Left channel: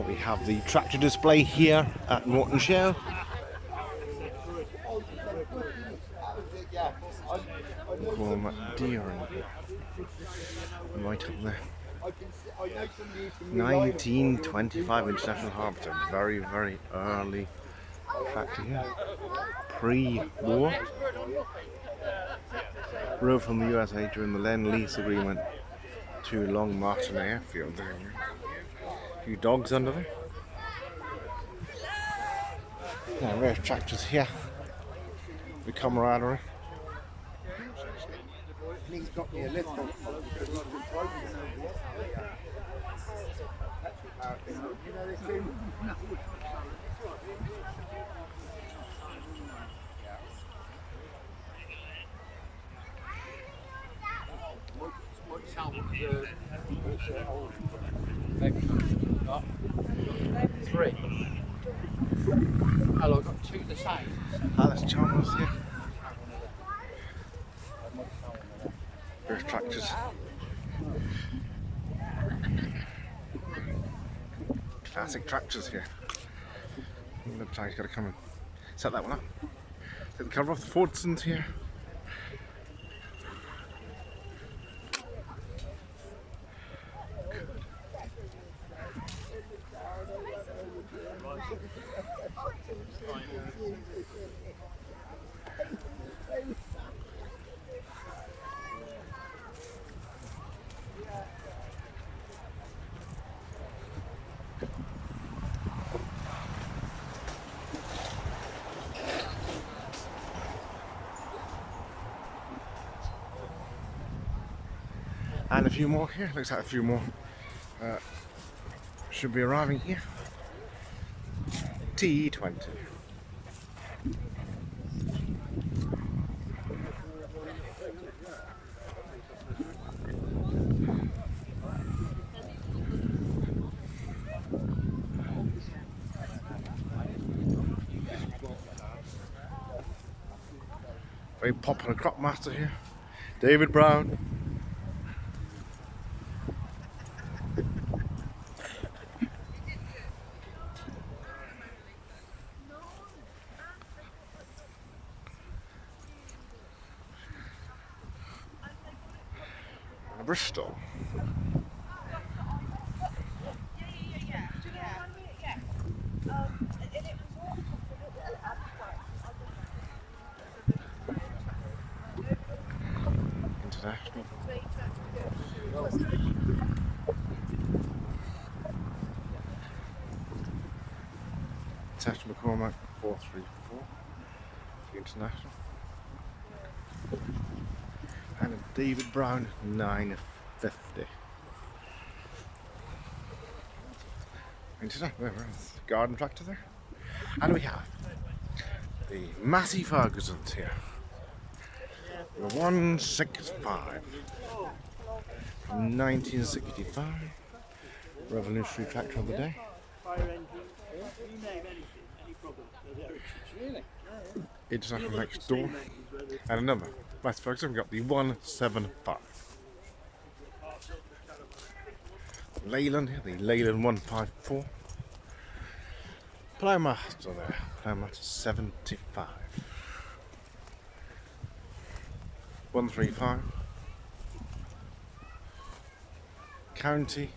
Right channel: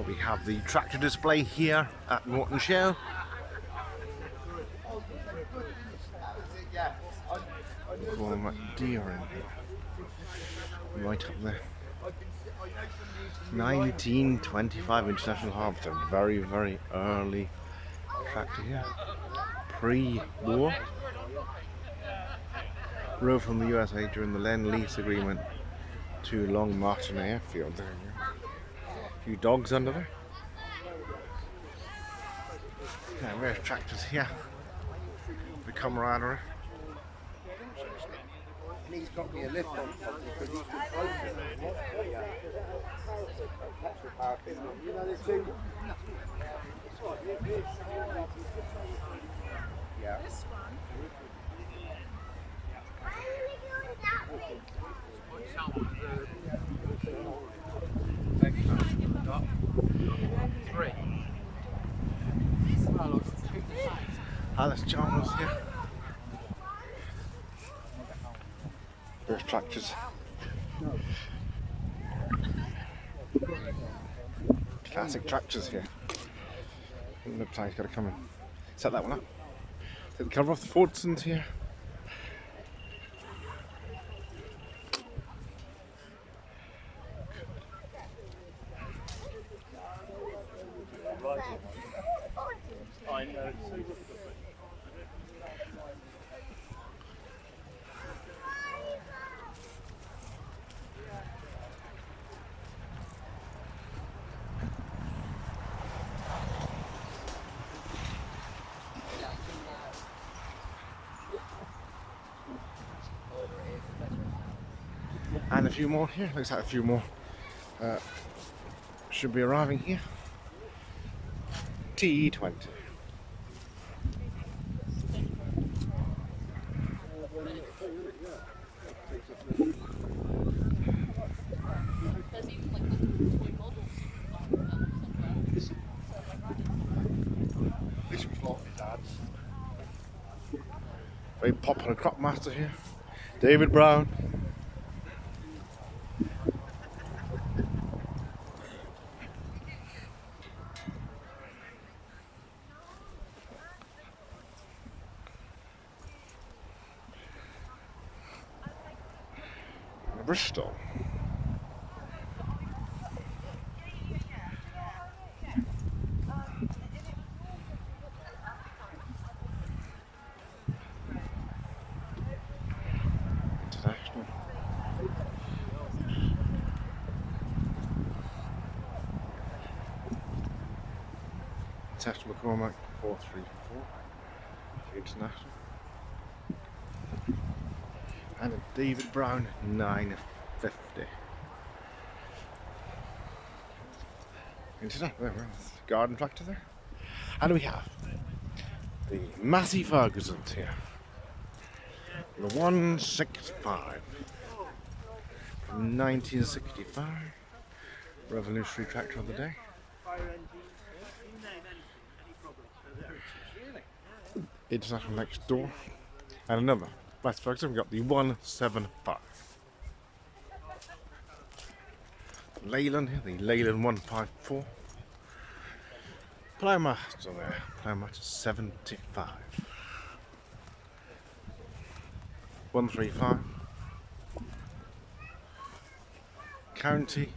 Well, we have the tractor display here at Moreton Show. Deer in here. Right up there. 1925 International Harvester. Very, very early tractor here. Pre-war. Rover from the USA during the Lend-Lease agreement to Long Martin Airfield. There you go. A few dogs under there. Yeah, we have tractors here. The camaraderie. And he's got me a lift on because he's been broken. You know this too? Yeah. Three. Oh, I've got two the same. That's Chalmers here. There's tractors. Classic tractors here. Looks like he's got to come and set that one up. Take the cover off. The Fordsons here. And a few more here. Looks like a few more should be arriving here. T20. Very popular crop master here, David Brown. Bristol. International. International McCormack 434. International. And a David Brown 950. International. There we are. Garden tractor there. And we have the Matty Ferguson's here. The 165 from 1965. Revolutionary tractor of the day. International next door. And another Matty Ferguson. We've got the 175. Leyland here, the Leyland 154. Plowmaster there, Plowmaster 75. 135. County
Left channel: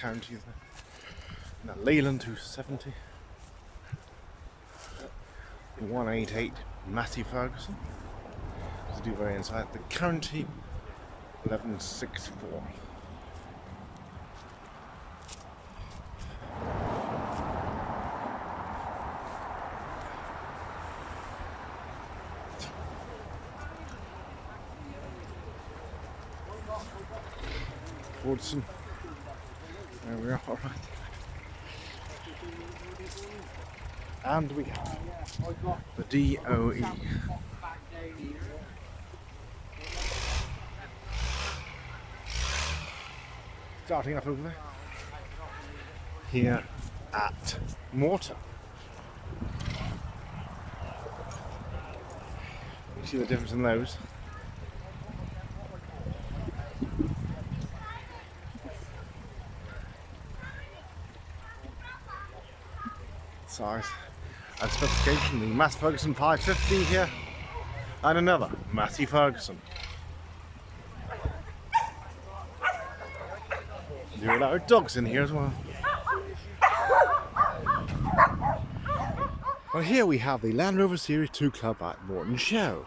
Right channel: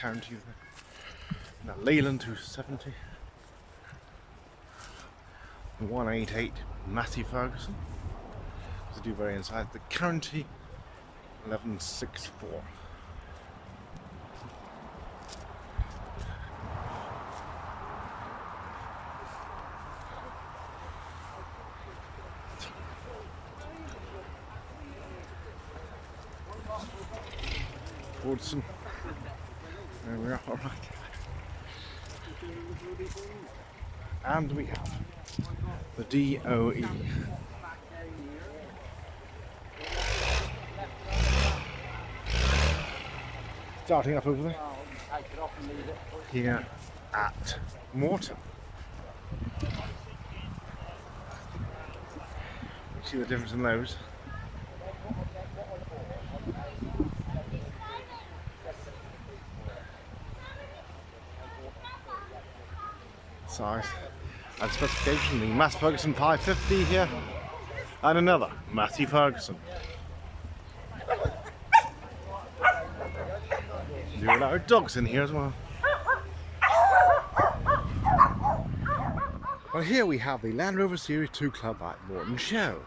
there. Now Leyland 270. 188 Matty Ferguson. To do very inside the County 1164. Fordson. There we are, alright. And we have the DOE. Starting up over there. Here at Moreton. You see the difference in those? size and specification. The Massey Ferguson 550 here, and another Massey Ferguson. Do allow dogs in here as well. Well, here we have the Land Rover Series 2 Club at Moreton Show.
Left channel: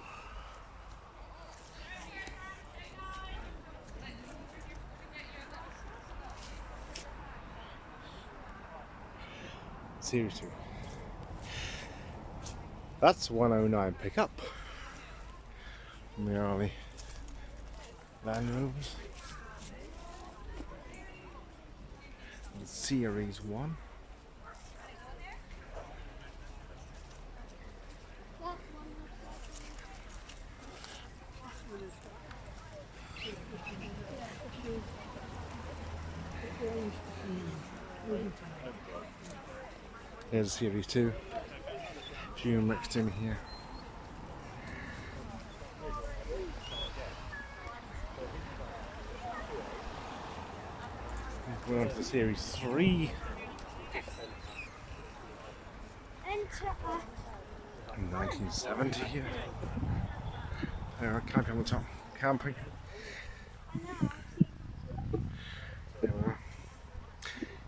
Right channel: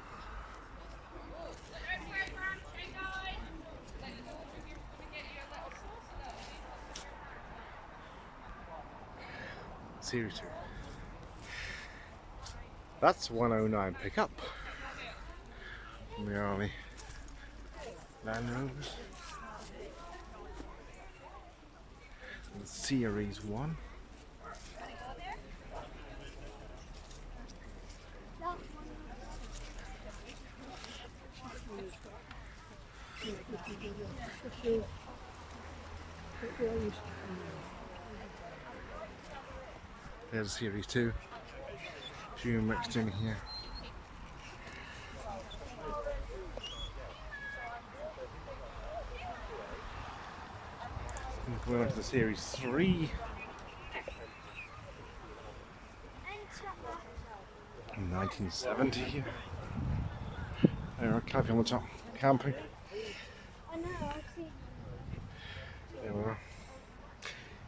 Series 2. That's 109 pickup from the early Land Rovers. The Series 1. There's Series 2. Few mixed in here. Going on to the Series 3. 1970 here. There, camping on the top. Camping. There we are.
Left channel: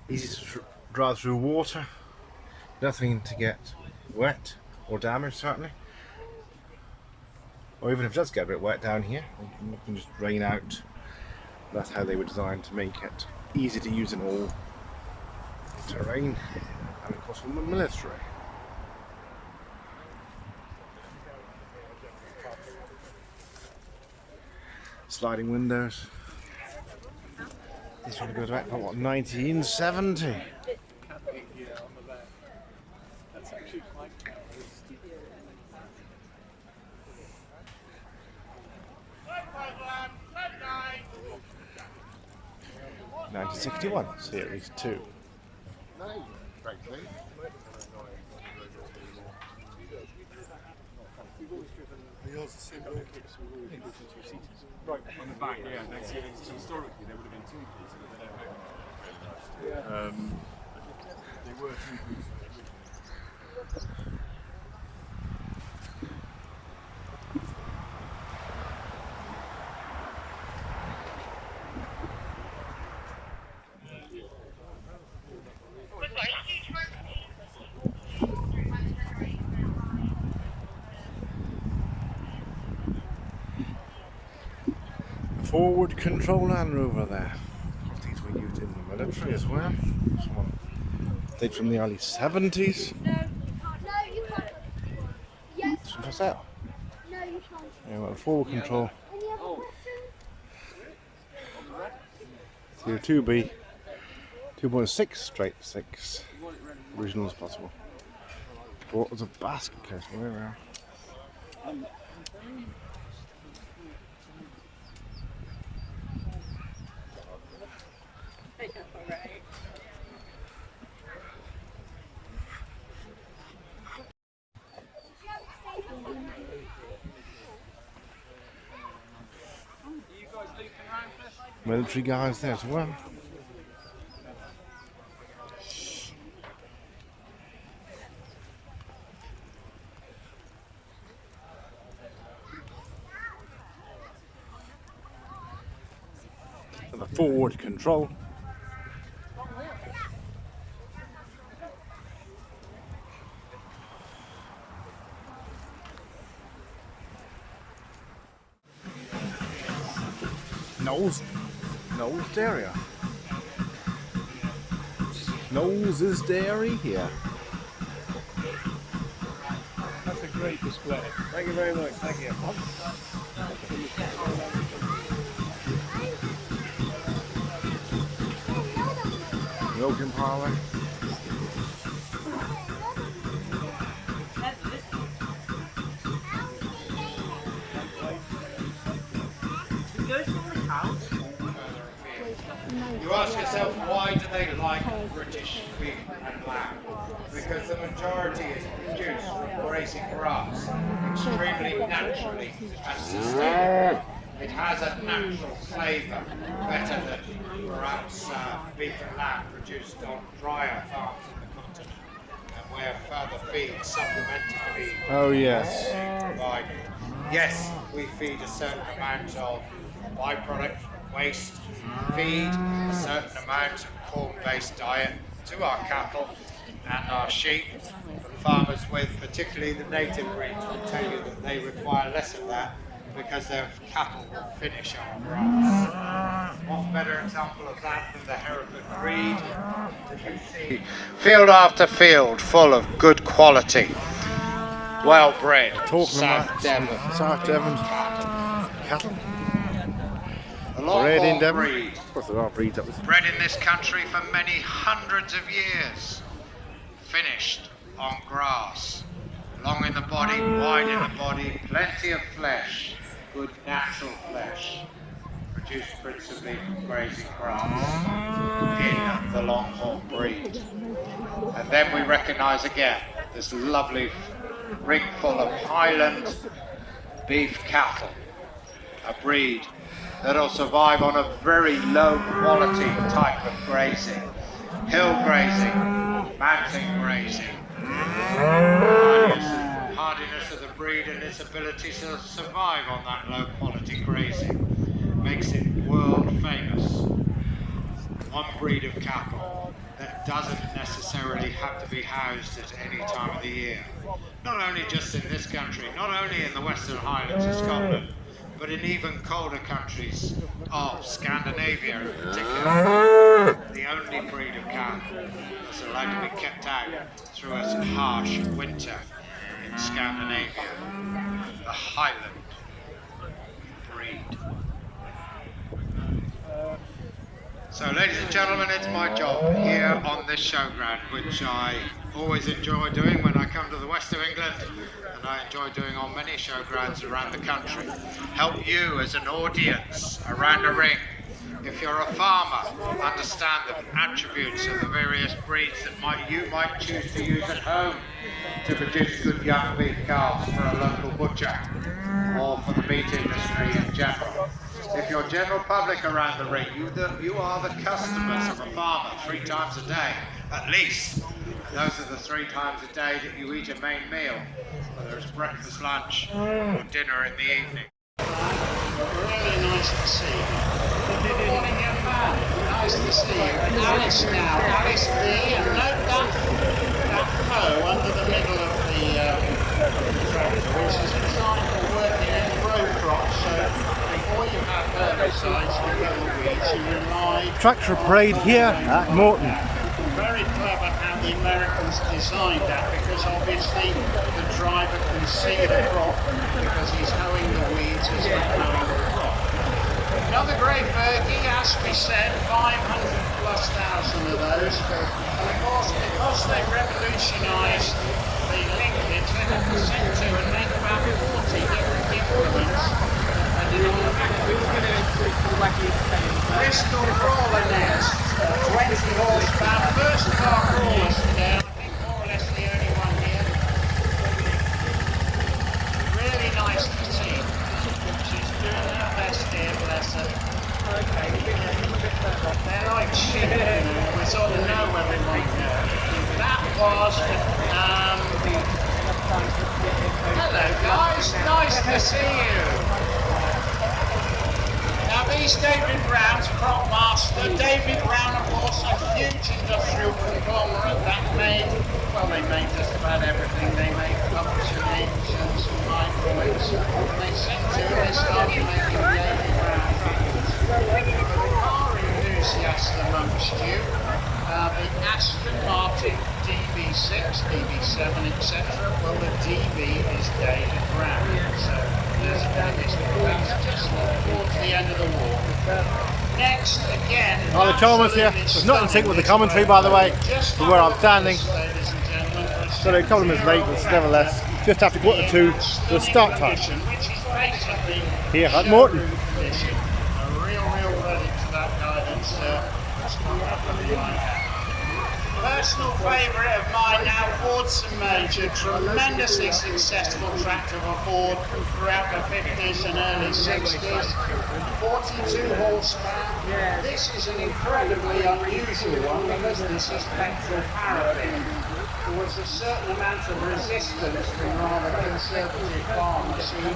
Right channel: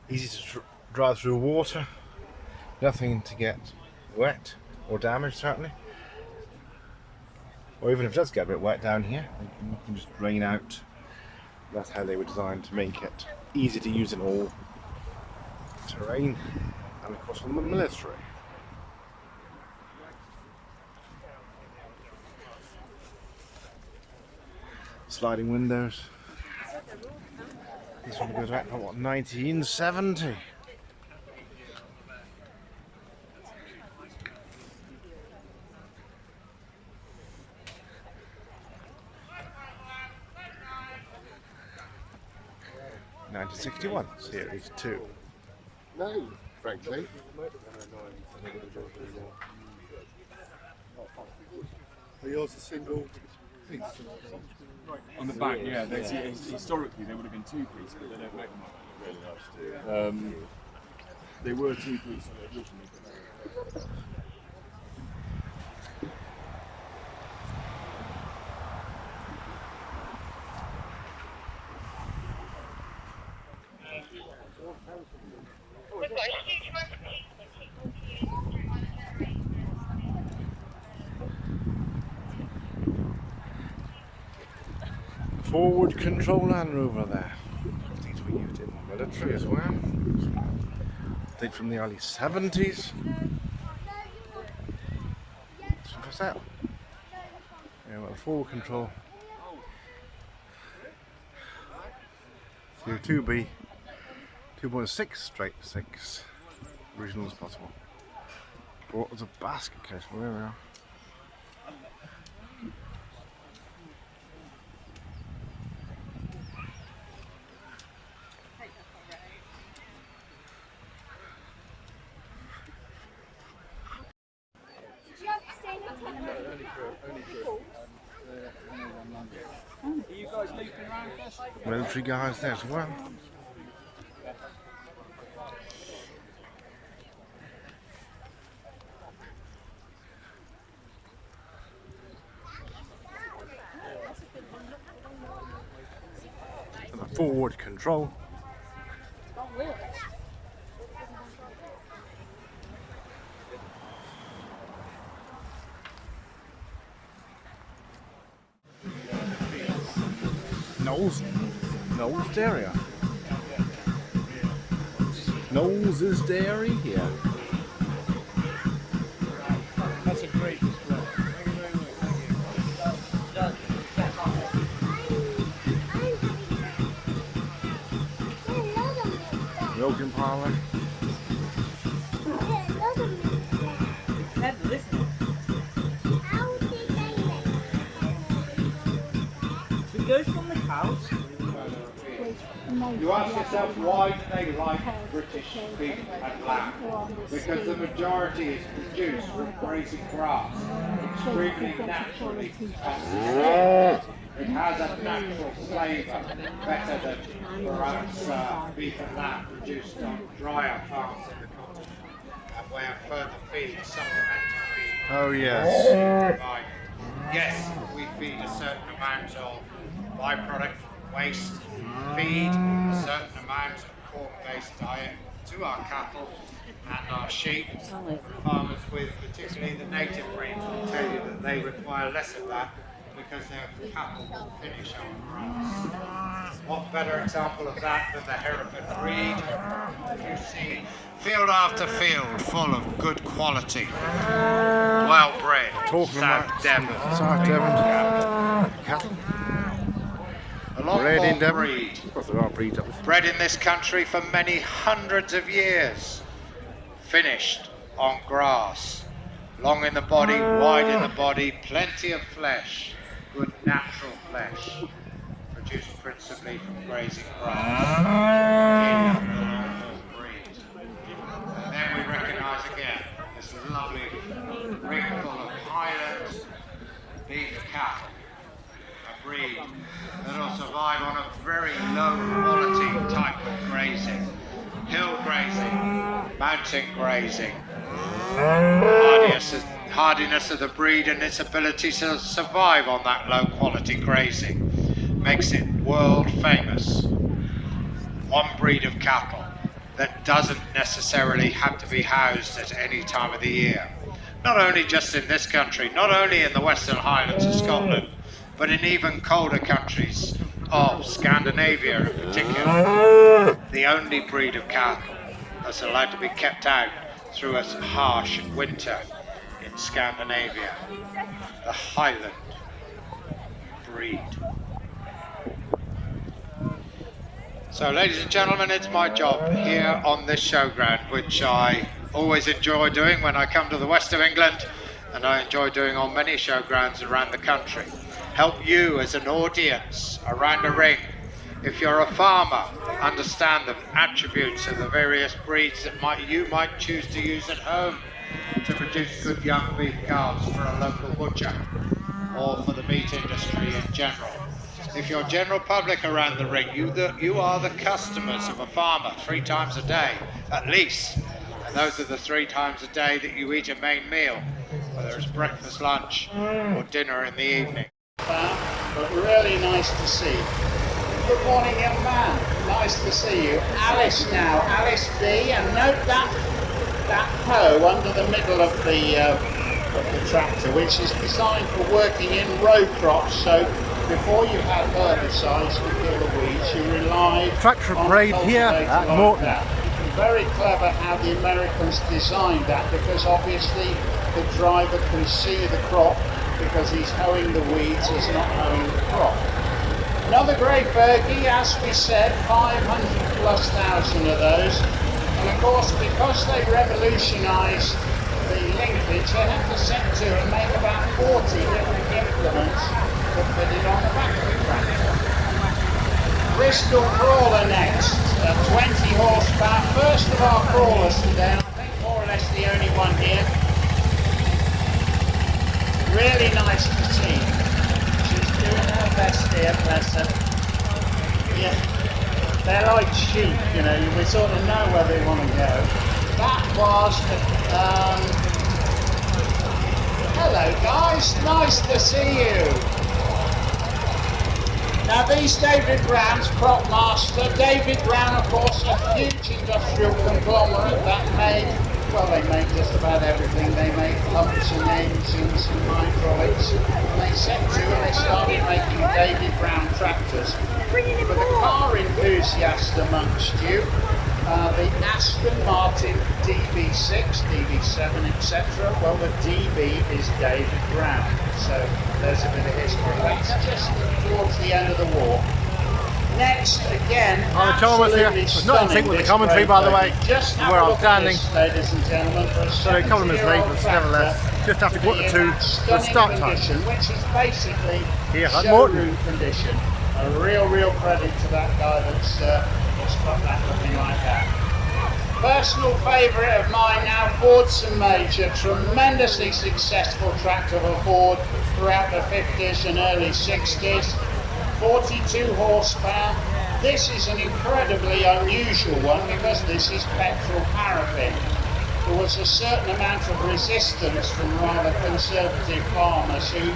Easy to drive through water. Nothing to get wet or damaged, certainly. Or even if it does get a bit wet down here, you can just drain out. That's how they were designed, to make it easy to use in all terrain, and of course on the military. Sliding windows. This one goes back to what, 1970? '61 Series 2. No, frankly. Are yours a single? Right, on the back, yeah. Historically, they would have been two-piece, but they don't make them. They were two-piece originally. Forward control Land Rover there. Of course, these were used in the military as well. They're from the early 70s. It's for sale. Yeah, well, forward control. 2B, 2.6 straight 6. Original as possible. Bought as a basket case. Well, there we are. Military guys there as well. And the forward control. Knowles Dairy. Knowles' Dairy here. That's a great display. Thank you very much. Thank you. Milking parlour. You ask yourself, why do they like British beef and lamb? Because the majority is produced from grazing grass, extremely naturally and sustainably. It has a natural flavour, better than perhaps beef and lamb produced on drier farms in the continent. way of further feed, supplementary feed. Oh yes. Right. Yes, we feed a certain amount of byproduct waste feed, a certain amount of corn-based diet to our cattle and our sheep. Farmers with particularly the native breeds will tell you that they require less of that because their cattle will finish our grass. What better example of that than the Hereford breed? You see field after field full of good quality, well-bred, Talking about South Devon cattle. A lot Bred in more Devon. breed. Of course there are breeds up this. Bred in this country for many hundreds of years. Finished on grass. Long in the body, wide in the body, plenty of flesh. Good natural flesh. Produced principally from grazing grass. In the long-haul breed. And then we recognise again this lovely ring full of Highland beef cattle. A breed that'll survive on a very low quality type of grazing. Hill grazing, mountain grazing. Hardiness of the breed and its ability to survive on that low quality grazing makes it world famous. One breed of cattle that doesn't necessarily have to be housed at any time of the year. Not only just in this country, not only in the Western Highlands of Scotland, but in even colder countries of Scandinavia in particular. The only breed of cattle that's allowed to be kept out through a harsh winter in Scandinavia. The Highland breed. So ladies and gentlemen, it's my job here on this showground, which I always enjoy doing when I come to the west of England, and I enjoy doing on many showgrounds around the country. Help you as an audience around a ring. If you're a farmer, understand the attributes of the various breeds that you might choose to use at home to produce good young beef calves for a local butcher or for the meat industry in general. If you're general public around the ring, you are the customers of a farmer 3 times a day, at least. And those are the 3 times a day that you eat a main meal, whether it's breakfast, lunch, or dinner in the evening. But really nice to see you. Good morning, young man. Nice to see you. Alice now, Alice B. And note that hoe under the middle of the tractor, which is designed for working in row crops. So before you have herbicides to kill the weeds, you rely Tractor parade here at Moreton. Very clever how the Americans designed that, because obviously the driver can see the crop because he's hoeing the weeds, he's not hoeing the crop. Another grey Fergie, as we said, 500,000+ of those. And of course, because they revolutionised the linkage, they had to set to and make about 40 different implements that put it on a factory tractor. Bristol Crawler next, 20 horsepower, first of our crawlers today, I think more or less the only one here. Really nice machine. She's doing her best here, bless her. Yeah. They're like sheep, you know, we sort of know where they want to go. That was, hello guys, nice to see you. Now these David Brown's Crop Master. David Brown, of course, a huge industrial conglomerate that made, well, they make just about everything. They make pumps and engines and hydraulics. And they set to and they started making David Brown tractors. For the car enthusiast amongst you, the Aston Martin DB6, DB7, etc. Well, the DB is David Brown. So there's a bit of history. It's just towards the end of the war. Next, again, Oh, the Chalmers here. It's not in sync with the commentary, by the way, from where I'm standing. Ladies and gentlemen, So a couple of minutes late, but nevertheless, just after 1:45 for the start time. Which is basically Here at Moreton. showroom condition. A real credit to that guy that's got that looking like that. Personal favourite of mine now, Fordson Major, tremendously successful tractor for Ford throughout the 50s and early 60s. 42 horsepower. This is an incredibly unusual one because this is petrol paraffin. there was a certain amount of resistance from rather conservative farmers who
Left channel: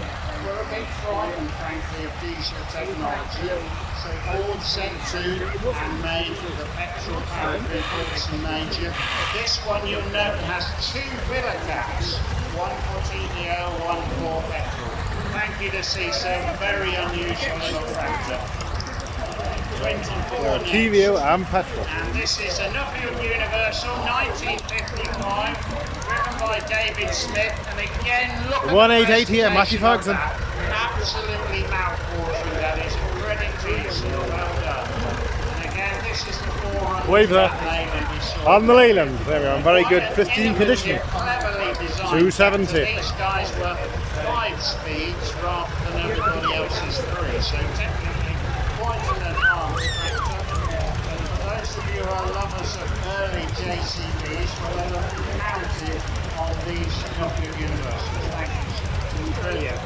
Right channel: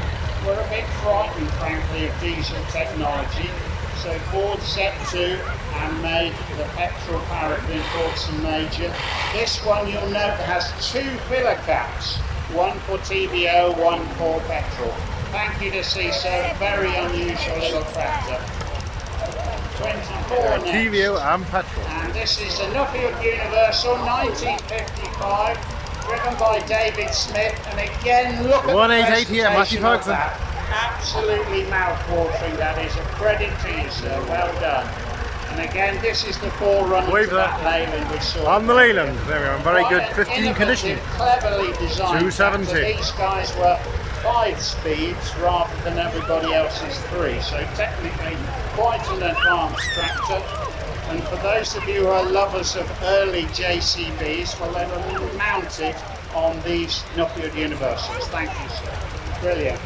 were a bit frightened, frankly, of diesel technology. So Ford set to and made the petrol paraffin Fordson Major. This one, you'll note, has two filler caps, one for TBO, one for petrol. Thank you to see, so very unusual little tractor. 24 next. TVO and petrol. And this is a Nuffield Universal 1955, driven by David Smith. And again, look at 188 here, Matthew Ferguson. Absolutely mouth-watering. That is a credit to you, sir. Well done. And again, this is the forerunner Wave to there. that Leyland we saw. On the Leyland, there we are, in very good Quite an pristine condition. innovative, cleverly designed 270. tractor. These guys were 5 speeds rather than everybody else's 3, so technically quite an advanced tractor. And for those of you who are lovers of early JCBs, well, then are mounted on these Nuffield Universals. Thank you, sir. Brilliant.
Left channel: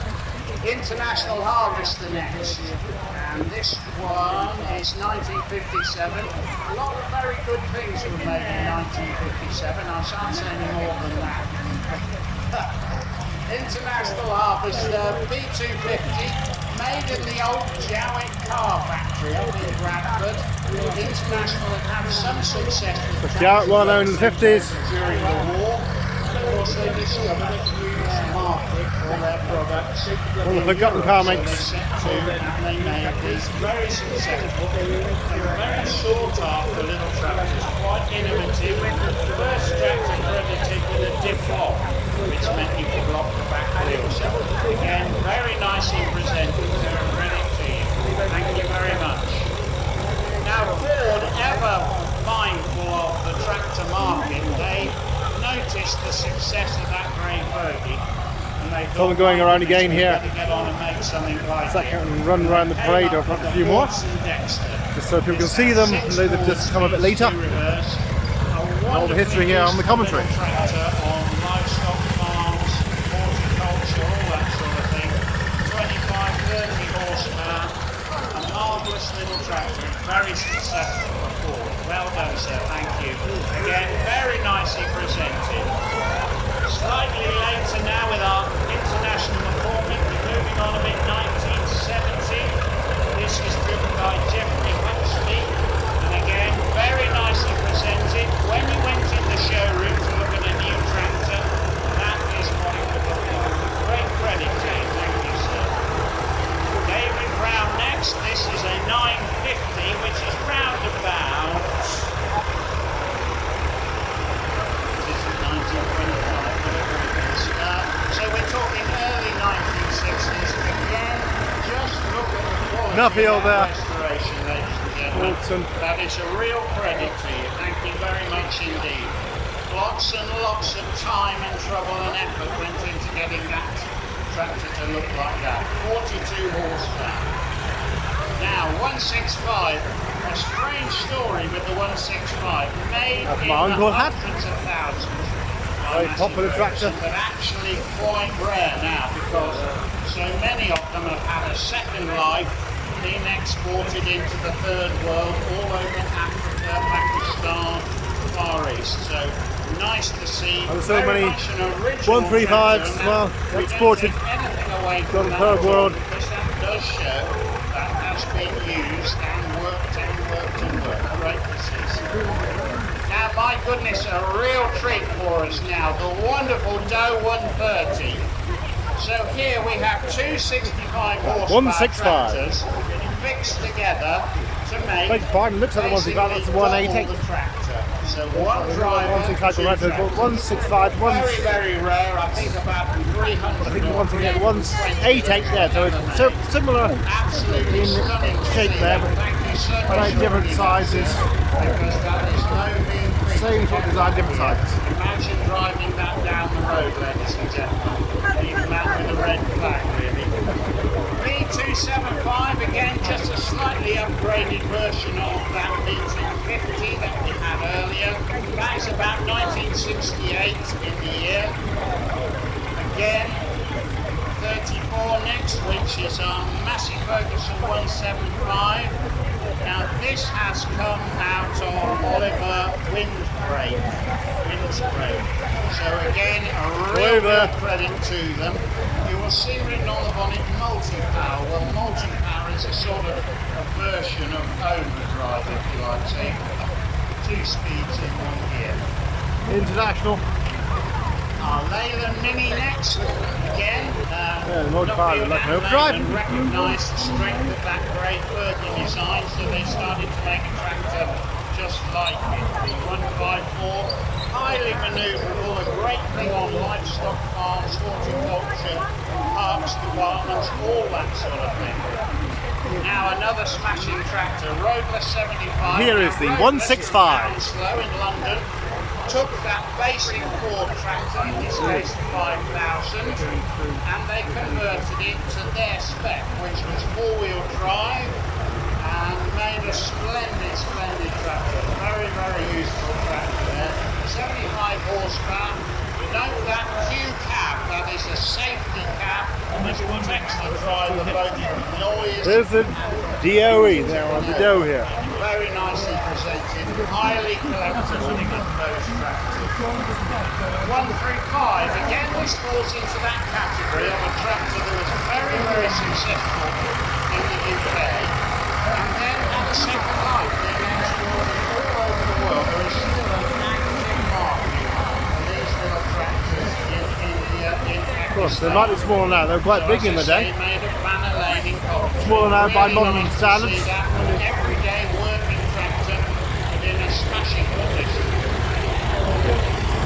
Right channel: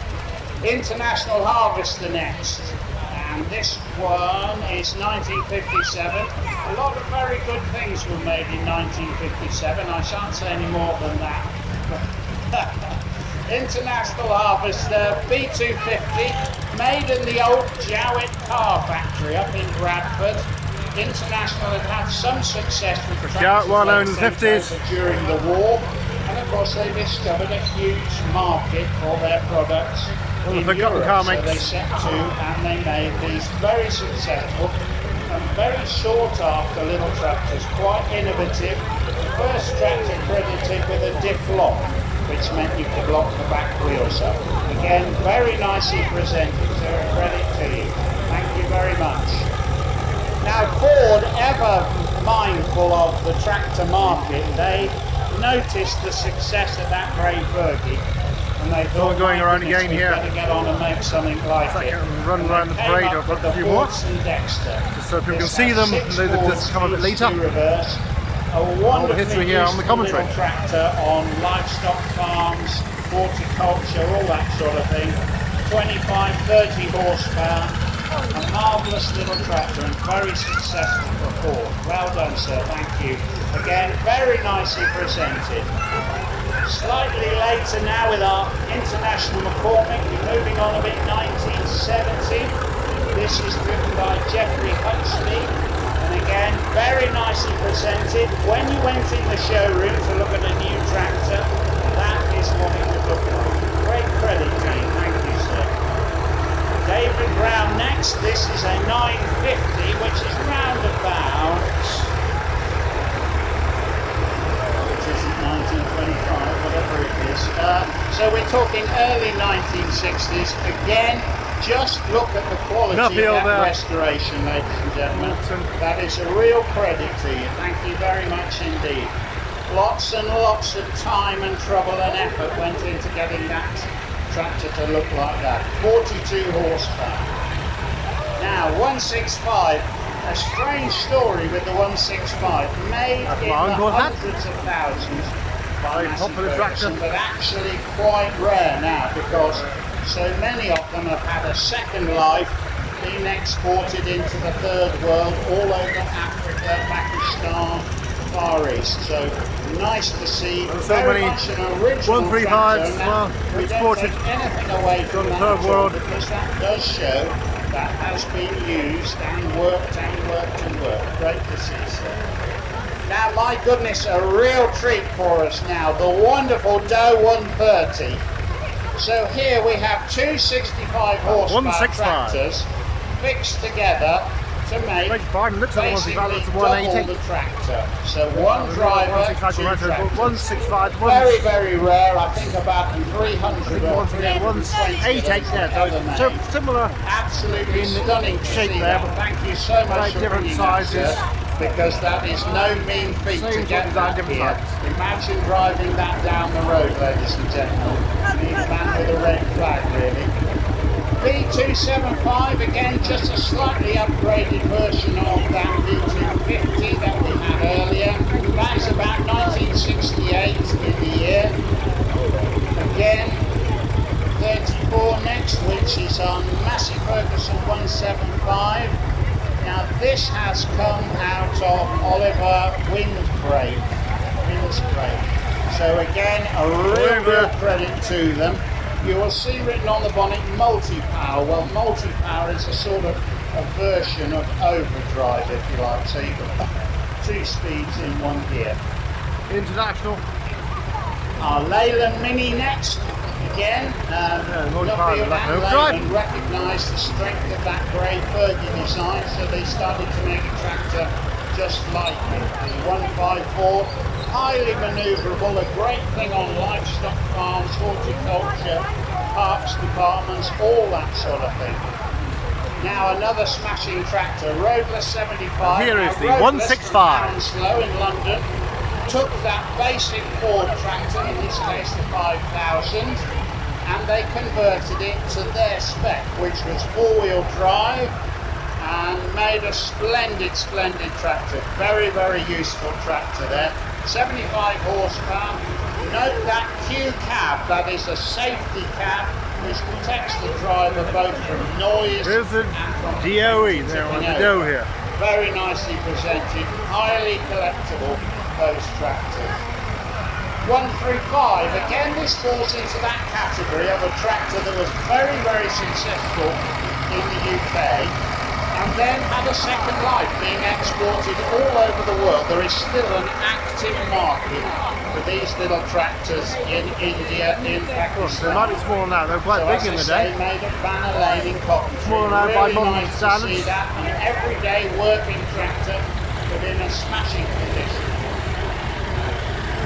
International Harvester next. And this one is 1957. A lot of very good things were made in 1957. I shan't say any more than that. International Harvester B250, made in the old Jowett car factory up in Bradford. International had some success with the Jowett well known in the 50s. during the war. And of course they discovered a huge market for their products. Well, the in forgotten Europe, car so makes. they set to and they made these very successful and very sought after little tractors, quite innovative. First tractor credited with a diff lock, which meant you could lock the back wheel. So again, very nicely presented, so credit to you. Thank you very much. Now Ford, ever mindful of the tractor market, they noticed the success of that grey Fergie, and they thought, Another going around again we've here. got to get on and make something like It's like it. a run around the parade or a few more, just so people can see them, and they've just come a bit later. All the history here on the commentary. Tractor on livestock farms, horticulture, all that sort of thing. 25-30 horsepower. A marvellous little tractor and very successful for Ford. Well done, sir, thank you. Again, very nicely presented. Slightly later now with our International McCormick, we're moving on a bit, 1970. This is driven by Jeffrey Huxley, and again, very nicely presented. When you went in the showroom to look at a new tractor, that is what it would look like. Great credit to you, thank you, sir. David Brown next. This is a 950, which is round about, which isn't 1925, whatever it is. So we're talking early 1960s. Again, just look at the quality Nuffield of there. that restoration, ladies and gentlemen. Wilson. That is a real credit to you. Thank you very much indeed. Lots and lots of time and trouble and effort went into getting that tractor to look like that. 42 horsepower. Now 165, a strange story with the 165, made That's in my uncle the had. hundreds of thousands. Very popular tractor. But actually quite rare now, because so many of them have had a second life, being exported into the third world, all over Africa, Pakistan, Far East. So nice to see. And so very many much an original 135s tractor, as and well, we don't exported take anything away to from the that third at all, world. because that does show that has been used and worked and worked and worked. Great to see, sir. Now, my goodness, a real treat for us now, the wonderful Doe 130. So here we have two 65 horsepower 165. tractors fixed together to make Beg your pardon, looks like the 165, that's the basically 180. double the tractor. So one driver, 165 two right to the tractors. 165, Very, very rare. I think about 300. I think the 188 there, so similar Absolutely in stunning shape to see there, that. but Thank you so much very for different bringing that, sizes. sir, because that is no mean feat. Same to sort of get design, that different here. sizes. Imagine driving that down the road, ladies and gentlemen. The man with a red flag, really. V275, again, just a slightly upgraded version of that V250 that we had earlier. That's about 1968 in the year. Again, 34 next, which is our Massey Ferguson 175. Now this has come out of Oliver Wind's brake. So again, a real credit to them. You will see written on the bonnet multi-power. Well, multi-power is a sort of a version of overdrive, if you like. So you've got 2 speeds in 1 gear. International. Our Leyland Mini next. Again, multi-power like an overdrive. Recognised the strength of that grey Fergie design, so they started to make a tractor just like it. The 154, highly manoeuvrable, a great thing on livestock farms, horticulture, parks departments, all that sort of thing. Now another smashing tractor, Rover 75. Here is the 165. Slow in London. Took that basic Ford tractor, in this case the 5000, and they converted it to their spec, which was 4-wheel drive, and made a splendid, splendid tractor. Very, very useful tractor there. 75 horsepower. Note that Q cab, that is a safety cab. This protects the driver both from noise. There's the DOE there on the dough here. Very nicely presented, highly collectible, those tractors. 135, again this falls into that category of a tractor that was very, very successful in the UK and then had a second life being exported all over the world. There is still an active market for these little tractors in India, in Pakistan. Of course, they might be small now, they're quite big in the day. Made at Banner Lane in Coventry. Smaller now by modern nice to standards. see that, an everyday working tractor, but in a smashing condition.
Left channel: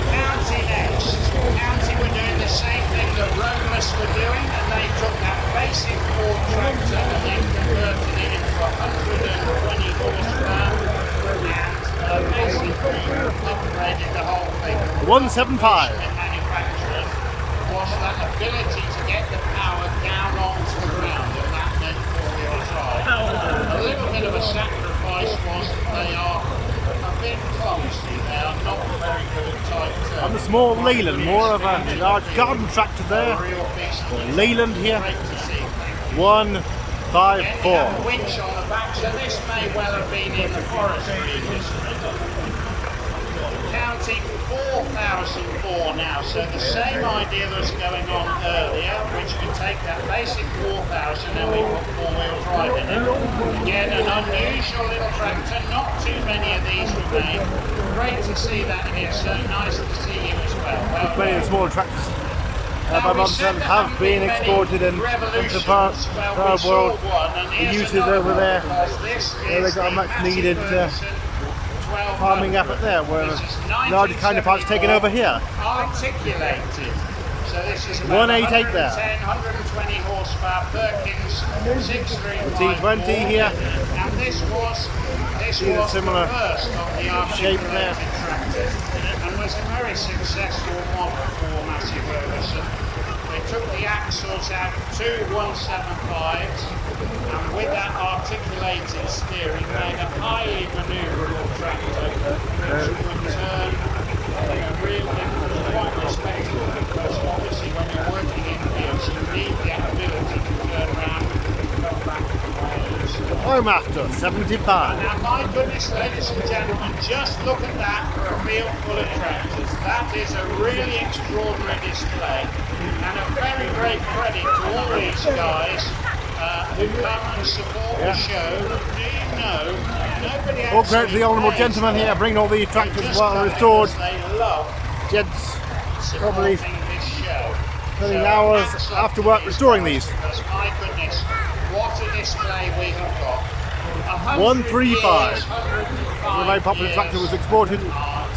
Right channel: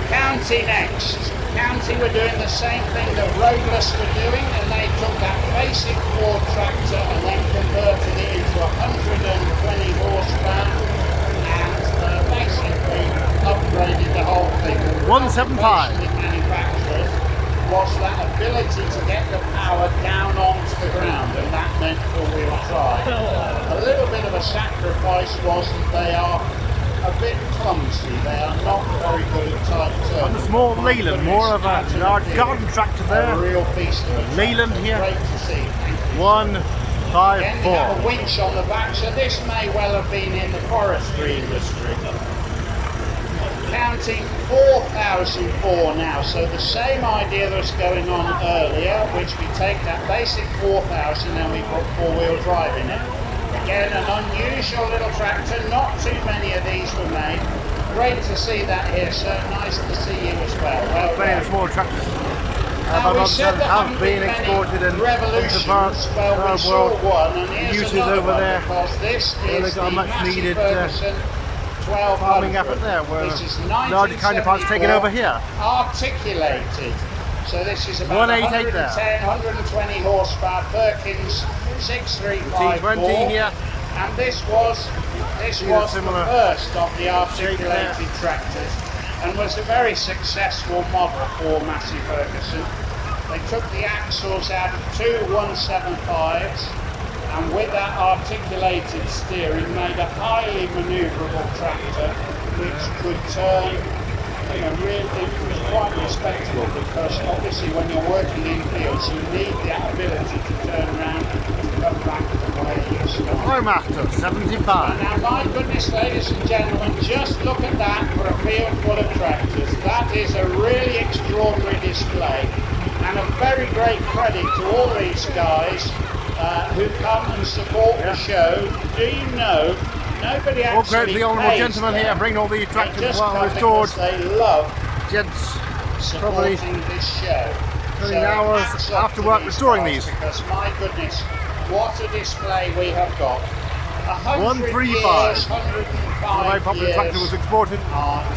County next. County were doing the same thing that Roadless were doing, and they took that basic Ford tractor and then converted it into 120 horsepower and basically upgraded the whole thing. 175. Manufacturing was that ability to get the power down onto the ground, and that meant 4-wheel drive. A little bit of a sacrifice was that they are a bit clumsy. They are not very good at tight turns. On the small Leyland, more of a large garden tractor there. A real beast of a Leyland here. Great to see. 154. Then you have a winch on the back, so this may well have been in the forestry industry. Counting 4004 now, so the same idea that's going on earlier, which we take that basic 4000 and we put 4-wheel drive in it. Again, an unusual little tractor, not too many of these were made. Great to see that here, so nice to see you as well. Many of the smaller tractors by modern standards have been exported into parts of the world. The uses over there, where they got a much needed farming effort there, where larger counterparts taken over here. Articulated. So this is about 188 there. 120 horsepower, Perkins 635 T20 here. And this was similar the first of the shape there. articulated tractors, and was a very successful model for Massey Ferguson. They took the axles out of 2 175s, and with that articulated steering made a highly manoeuvrable tractor which could turn really quite respectable, because obviously when you're working in fields you need the ability to turn around and come back to the Home 75. Now my goodness, ladies and gentlemen, just look at that for a field full of tractors. That is a really extraordinary display, and a very great credit to all these guys who come and support the show. Do you know, nobody actually All credit to the honourable pays gentleman them. here, bringing all these They tractors just well come restored. because they love Gents probably supporting this show. spending So hours hats off after to work these restoring guys, these. because my goodness, what a display we have got. 135. Years, A very popular years, tractor was exported,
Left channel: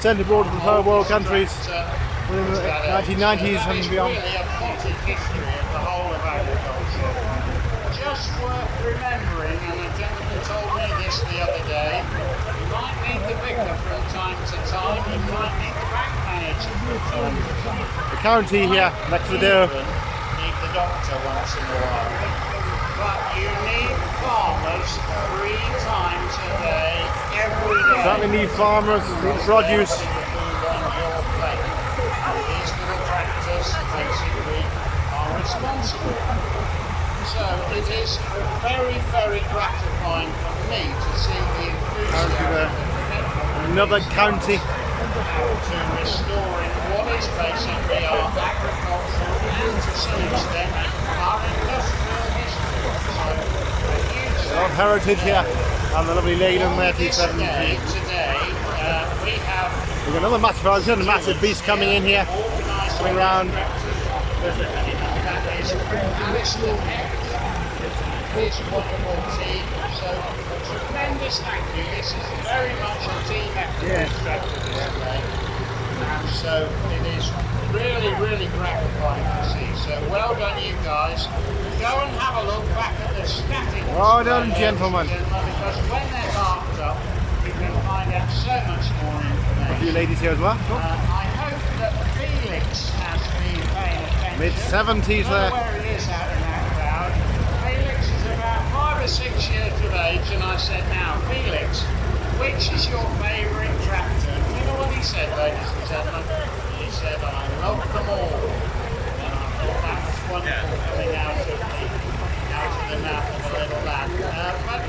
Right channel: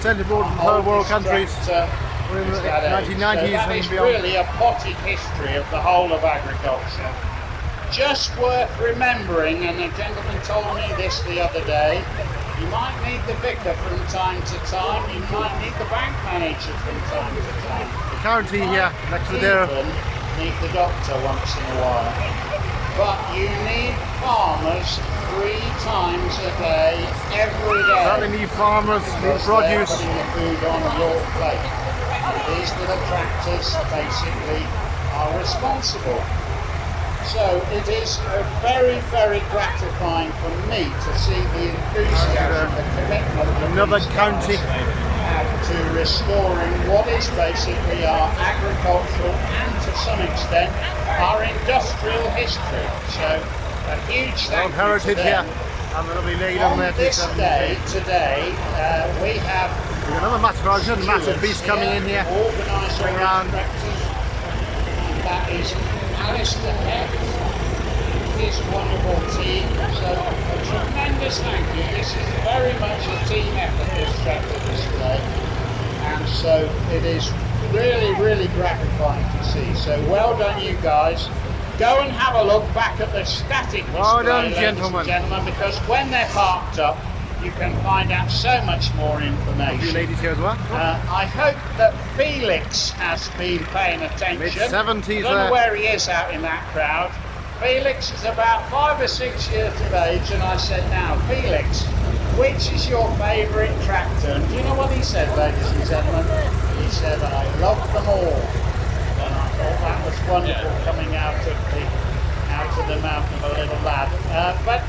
sent abroad to the third world countries in the 1990s and beyond. Really a potted history of the whole of agriculture. Just worth remembering, and the gentleman told me this the other day, you might need the vicar from time to time, you might need the bank manager from time to time. The county here next to the dairy. Even need the doctor once in a while. But you need farmers 3 times a day, every day. Certainly need farmers, need produce. Putting the food on your plate. And these little tractors basically are responsible. So it is very, very gratifying for me to see the enthusiasm, the commitment. Another county. To restoring what is basically our agricultural and to some extent our industrial history. So a huge The old heritage here, and the lovely lady on there, on this 270. day today we have We've got another massive version, a massive beast coming in here, coming round. That is Alistair Heck, his wonderful team. So a tremendous thank you. This is very much a team effort, this tractor display. And so it is really, really gratifying to see. So well done, you guys. Go and have a look back at the static display, Well done, ladies and gentlemen. because when they're parked up, you can find out so much more information. A few ladies here as well. I hope that Felix has been paying attention. Mid-70s I don't know there. where he is out in that crowd. Felix is about 5 or 6 years of age, and I said, now, Felix, which is your favourite tractor? And do you know what he said, ladies and gentlemen? He said, I love them all. And I thought that was wonderful coming out of the mouth of a little lad. But I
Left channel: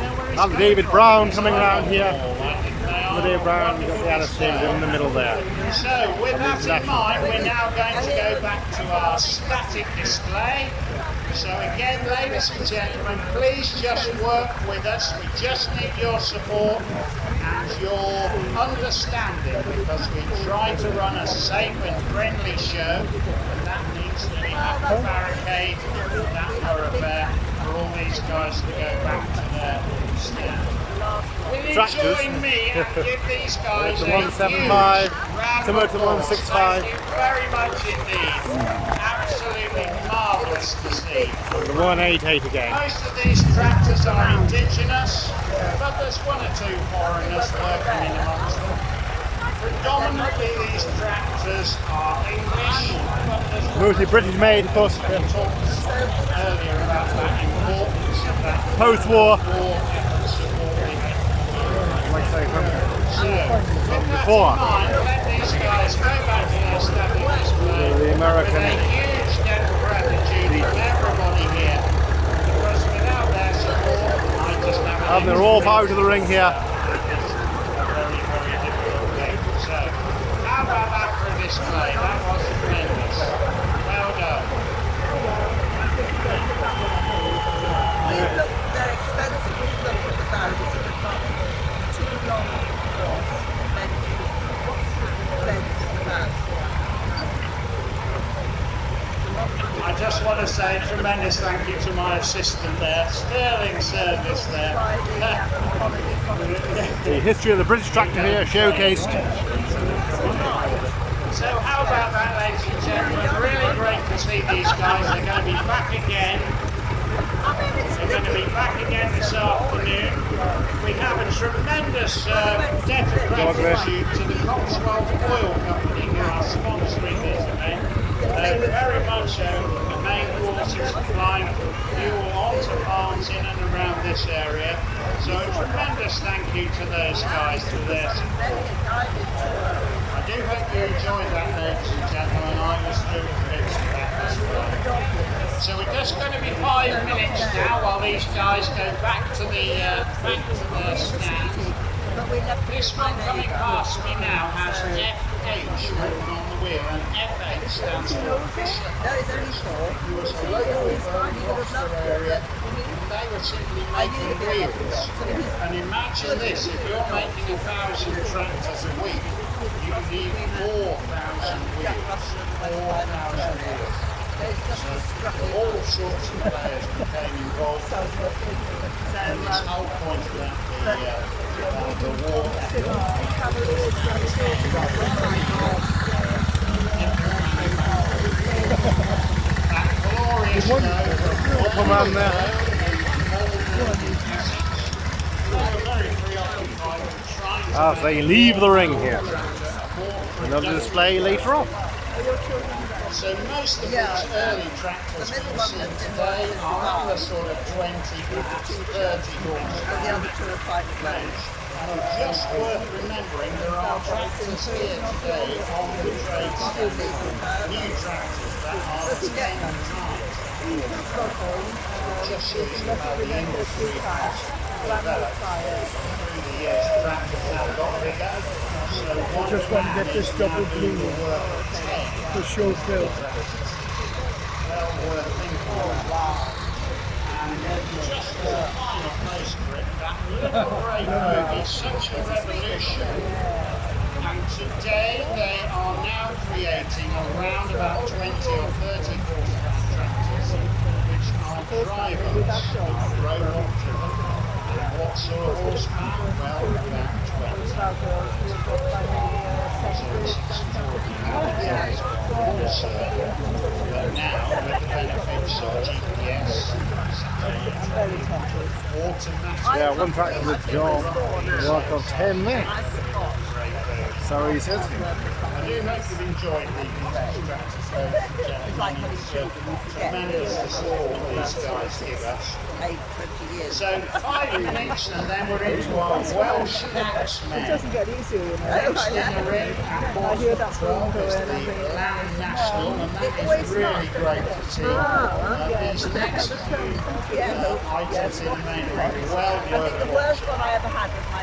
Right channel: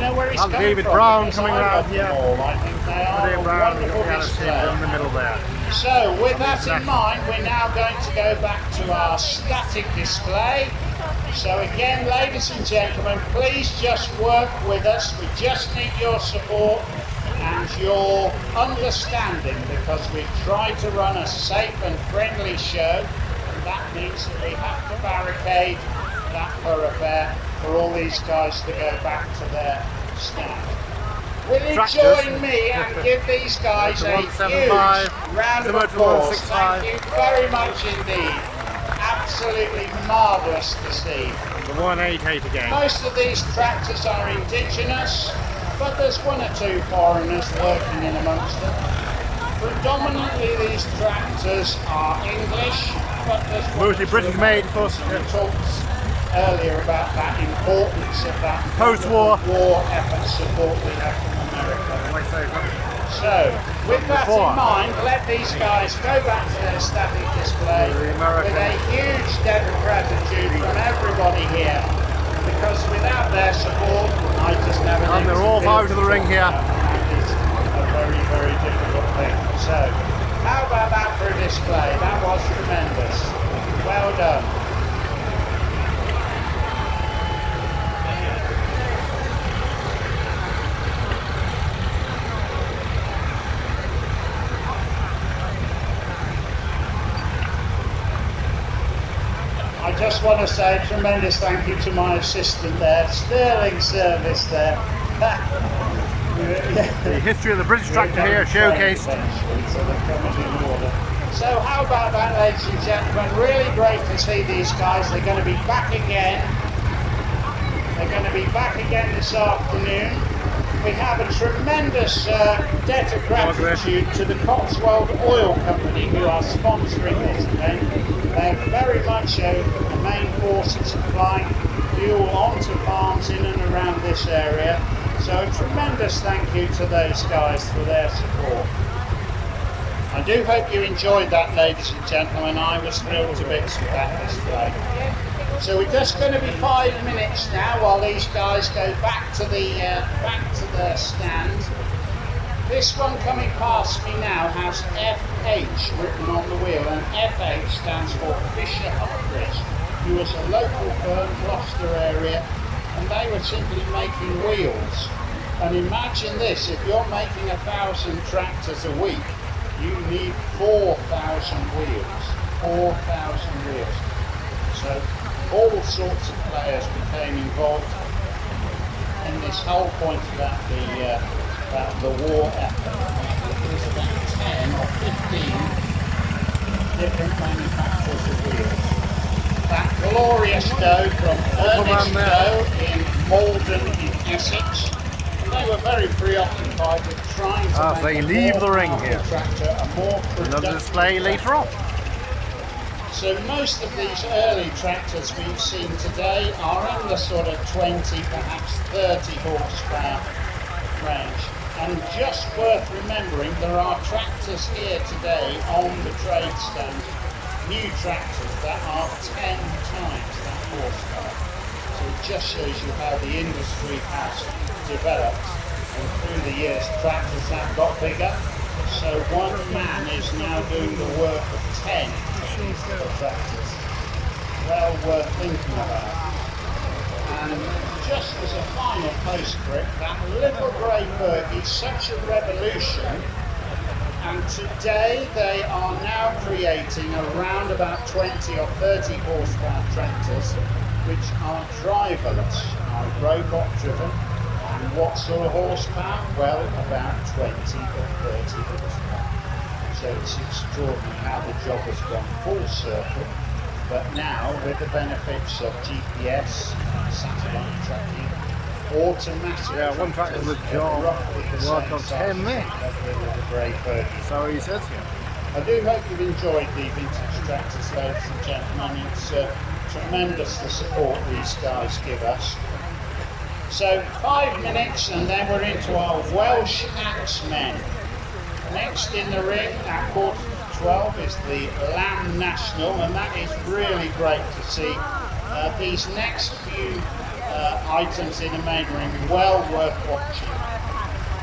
know where he's And coming David from, Brown because coming I round love here. them all. I think they are David a Brown, we've got the wonderful Alice team display. in the middle there. So with that in international. mind, we're now going to go back to our static display. So again, ladies and gentlemen, please just work with us. We just need your support and your understanding, because we try to run a safe and friendly show, and that means that we have to barricade that thoroughfare for all these guys to go back to their stand. Will you Tractors. join me and give these guys a Moreton huge 175, round of Moreton applause? 165. Thank you very much indeed. Absolutely marvellous to see. The 188 again. Most of these tractors are indigenous, but there's 1 or 2 foreigners working in amongst them. Predominantly these tractors are English, but there's Mostly British made, of course. we talked earlier about that importance of that Post-war. war effort support we have from America. Like I say, So, with that before. in mind, let these guys go back to their static display The American- with a huge debt of gratitude from everybody here, because without their support, I just have and they're all out of the ring here. It's a very, very difficult thing. So, how about that for a display? That was tremendous. Well done. I just want to say a tremendous thank you to my assistant there. Sterling service there. The history of the British tractor here showcased. So how about that, ladies and gentlemen? Really great to see these guys. They're going to be back again. They're going to be back again this afternoon. We have a tremendous debt of gratitude to the Cotswold Oil Company, who are sponsoring this event. Very much the main force in supplying fuel onto farms in and around this area. So a tremendous thank you to those guys for their support. I do hope you enjoyed that, ladies and gentlemen. I was thrilled to bits with that display. So we're just going to be 5 minutes now while these guys go back to the stand. This one coming past me now has FH written on the wheel, and FH stands for Fisher Humphrey, who was a local firm, Gloucester area, and they were simply making wheels. And imagine this, if you're making 1,000 tractors a week, you need 4,000 wheels. 4,000 wheels. So all sorts of players became involved in this whole point about the war effort. Different manufacturers of wheels. That glorious dough from Ernest in Malden in Essex. They were very preoccupied with trying to As they leave the ring here. Another Another display later on. So most of these early tractors we've seen today are in the sort of 20, perhaps 30 horsepower range. And just worth remembering, there are tractors here today on the trade stand, new tractors that are 10 times that horsepower. So it just shows you how the industry has developed. And through the years, tractors have got bigger. So So one man is now doing the work of 10 tractors. Well worth thinking about. And just as a final postscript, that little grey bird is such a revolution, and today they are now creating around about 20 or 30 horsepower tractors which are driverless, are robot driven. And what sort of horsepower? Well, about 20 or 30 horsepower. So it's extraordinary how the job has gone full circle. But now, with the benefits of GPS, satellite tracking, automatic... Yeah, one tractor for the job, work of 10 minutes. So he says here. I do hope you've enjoyed the vintage tractors, ladies and gentlemen. It's tremendous the support these guys give us. So 5 minutes and then we're into our Welsh axemen. Next in the ring at 12 is the Lamb National, and that is really great to see. These next few items in the main ring, well worth watching.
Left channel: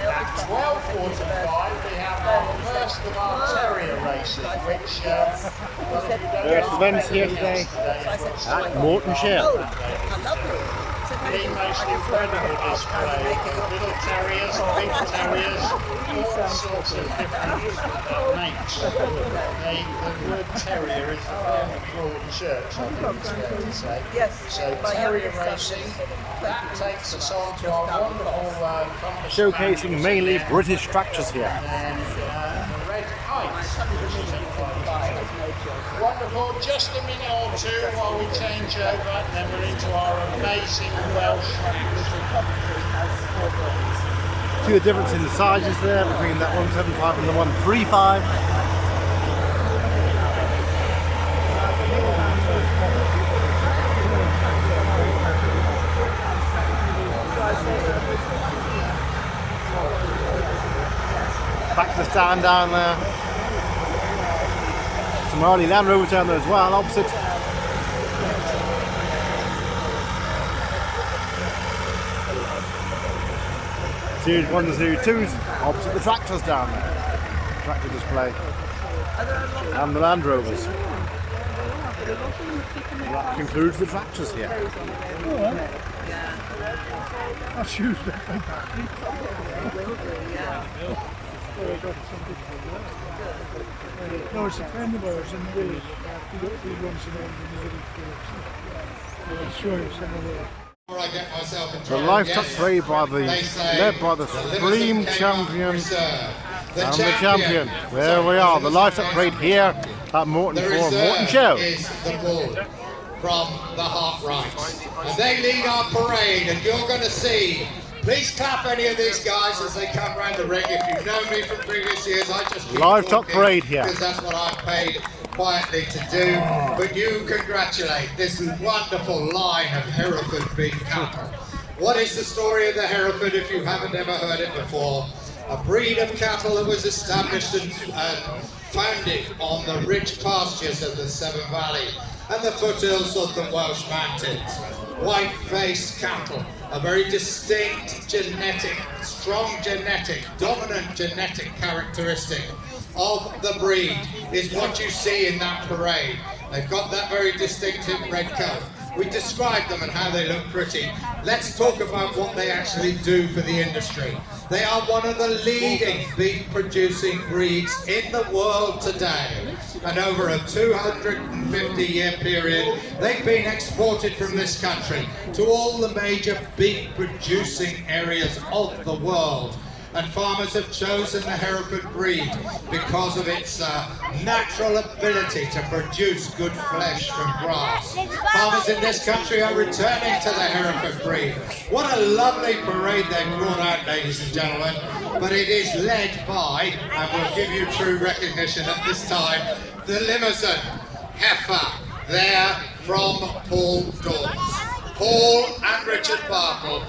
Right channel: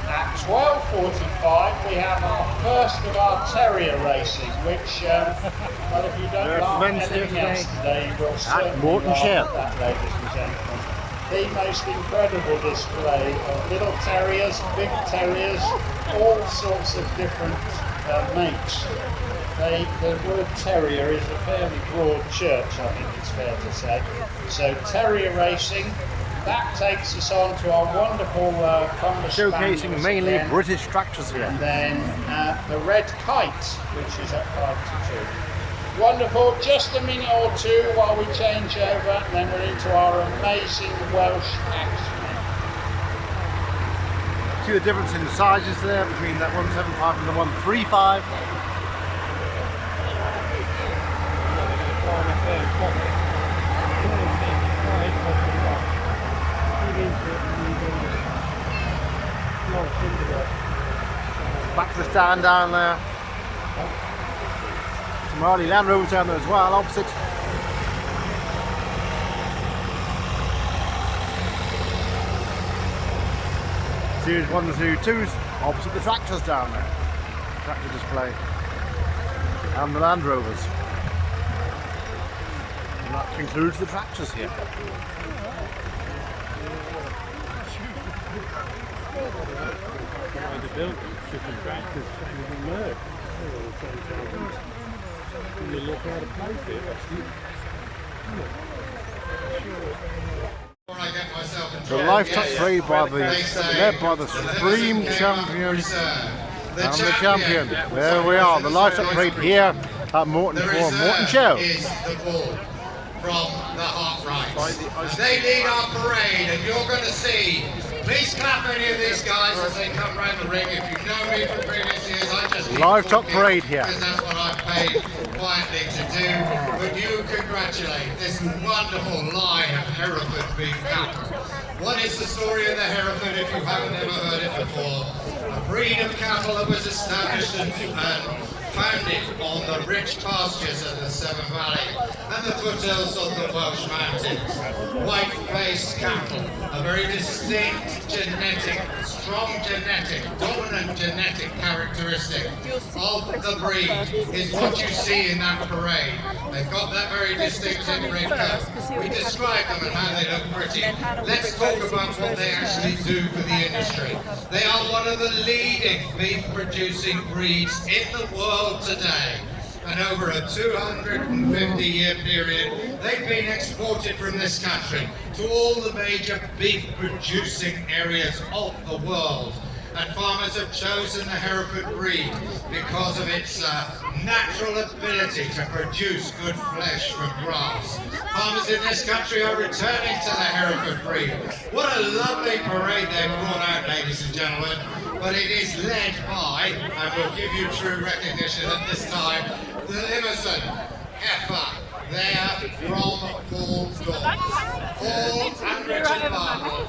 At 12:45 we have our first of our terrier racing, which, well, if you don't There are events here today at Moreton Show. The most incredible display of little terriers, big terriers, all sorts of different mates. The word terrier is a fairly broad church, I think it's fair to say. So terrier racing, that takes us on to our wonderful Showcasing mainly British tractors here. And then the Red Kite, which is at 5:2. Wonderful, just a minute or two while we change over, and then we're into our amazing Welsh match. See the difference in the sizes there between that 175 and the 135. Back to the stand down there. Some early Land Rovers down there as well, opposite. Series 1 and Series 2s, opposite the tractors down there. Tractor display. And the Land Rovers. And that concludes the tractors here. That's huge. No, it's a friend of ours and we look at The Livestock Parade led by the Supreme Champion and the Champion. There we are, the Livestock Parade here at Moreton Show. Is the bull from the Hot Rights. And they lead our parade, and you're going to see. Please clap any of these guys as they come round the ring. If you've known me from previous years, I just Livestock Parade here. Because that's what I've paid quietly to do. But you congratulate this wonderful line of Hereford beef cattle. What is the story of the Hereford if you haven't ever heard it before? A breed of cattle that was established and founded on the rich pastures of the Severn Valley and the foothills of the Welsh Mountains. White-faced cattle, a very distinct genetic, strong genetic, dominant genetic characteristic of the breed is what you see in that parade. They've got that very distinctive red coat. We describe them and how they look pretty. Let's talk about what they actually do for the industry. They are one of the leading beef producing breeds in the world today. And over a 250-year period, they've been exported from this country to all the major beef producing areas of the world. And farmers have chosen the Hereford breed because of its natural ability to produce good flesh from grass. Farmers in this country are returning to the Hereford breed. What a lovely parade they've brought out, ladies and gentlemen. But it is led by, and we'll give you true recognition at this time, the Limousin heifer there from Paul Dawes. Paul and Richard Bartle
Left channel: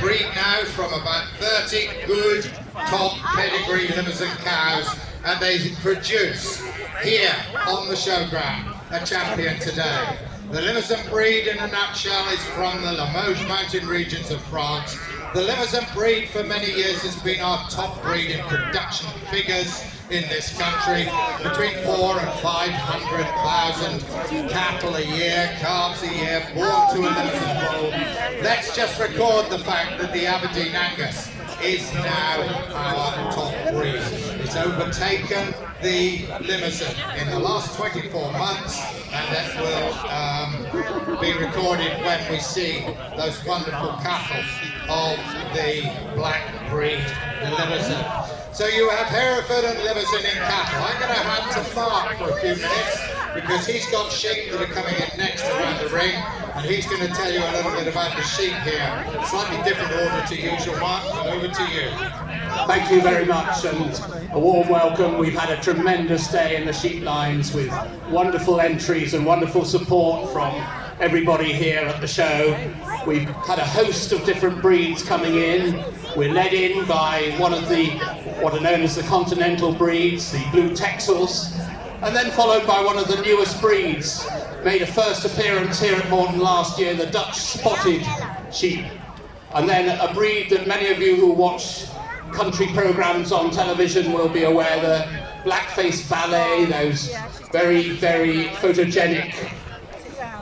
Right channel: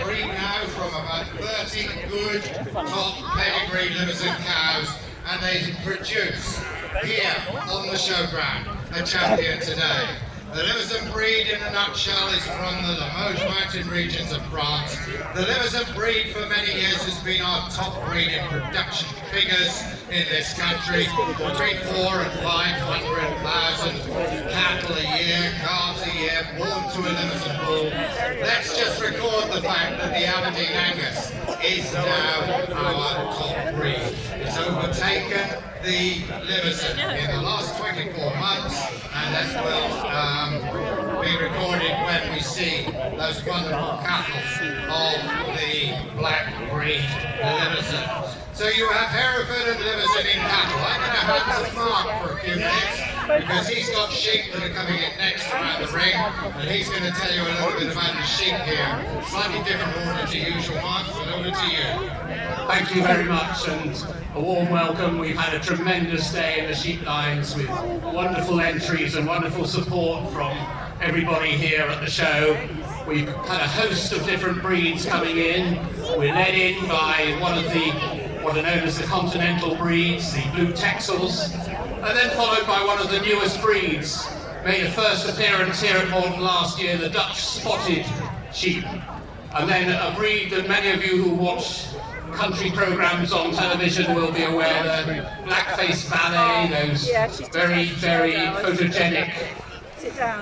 breed now from about 30 good top pedigree Limousin cows, and they produce here on the showground a champion today. The Limousin breed in a nutshell is from the Limoges mountain regions of France. The Limousin breed for many years has been our top breed in production figures in this country. Between 400,000 and 500,000 cattle a year, calves a year, born to a Limousin bull. Let's just record the fact that the Aberdeen Angus is now our top breed. It's overtaken the Limousin in the last 24 months, and that will be recorded when we see those wonderful cattle of the black breed Limousin. So you have Hereford and Limousin in cattle. I'm going to hand to Mark for a few minutes because he's got sheep that are coming in next around the ring, and he's going to tell you a little bit about the sheep here. Slightly different order to usual, Mark, but over to you. Thank you very much, and a warm welcome. We've had a tremendous day in the sheep lines with wonderful entries and wonderful support from everybody here at the show. We've had a host of different breeds coming in. We're led in by one of the what are known as the continental breeds, the blue Texels, and then followed by one of the newest breeds. Made a first appearance here at Moreton last year, the Dutch spotted sheep. And then a breed that many of you who watch country programmes on television will be aware, the blackface ballet, those very, very photogenic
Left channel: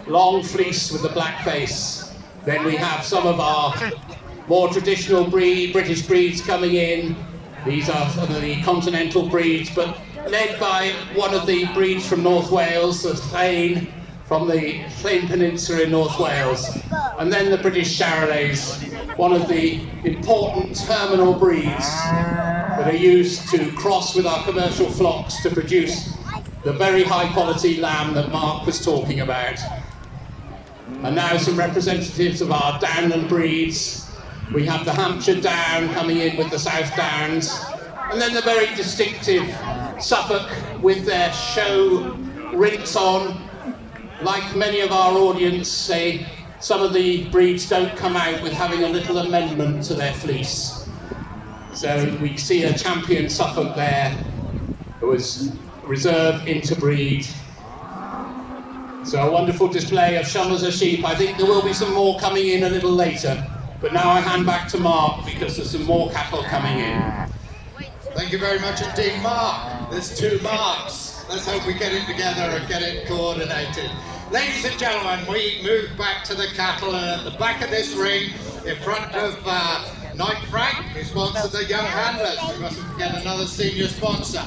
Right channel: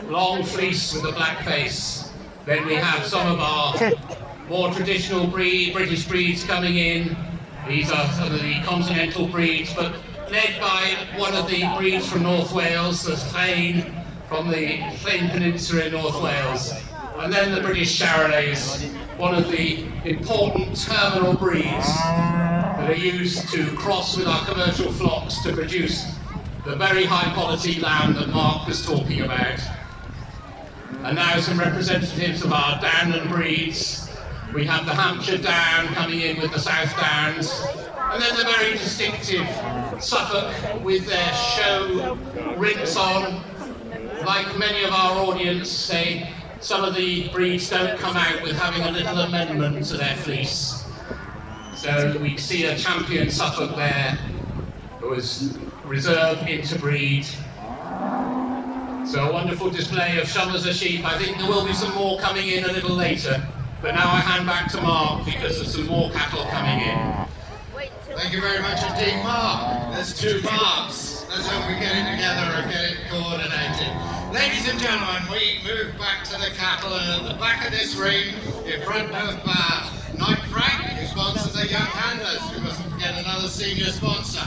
long fleece with the black face. Then we have some of our more traditional British breeds coming in. These are some of the continental breeds, but led by one of the breeds from North Wales, the Llain, from the Llain Peninsula in North Wales. And then the British Charolais, one of the important terminal breeds that are used to cross with our commercial flocks to produce the very high quality lamb that Mark was talking about. And now some representatives of our Downland breeds. We have the Hampshire Down coming in with the South Downs, and then the very distinctive Suffolk with their show rinks on. Like many of our audience say, some of the breeds don't come out with having a little amendment to their fleece. So we see a champion Suffolk there that was reserved interbreed. So a wonderful display of Summers of sheep. I think there will be some more coming in a little later. But now I hand back to Mark because there's some more cattle coming in. Thank you very much indeed, Mark. There's two Marks. Let's hope we get it together and get it coordinated. Ladies and gentlemen, we move back to the cattle, and at the back of this ring, in front of Knight Frank, who sponsored the Young Handlers. We mustn't forget another senior sponsor.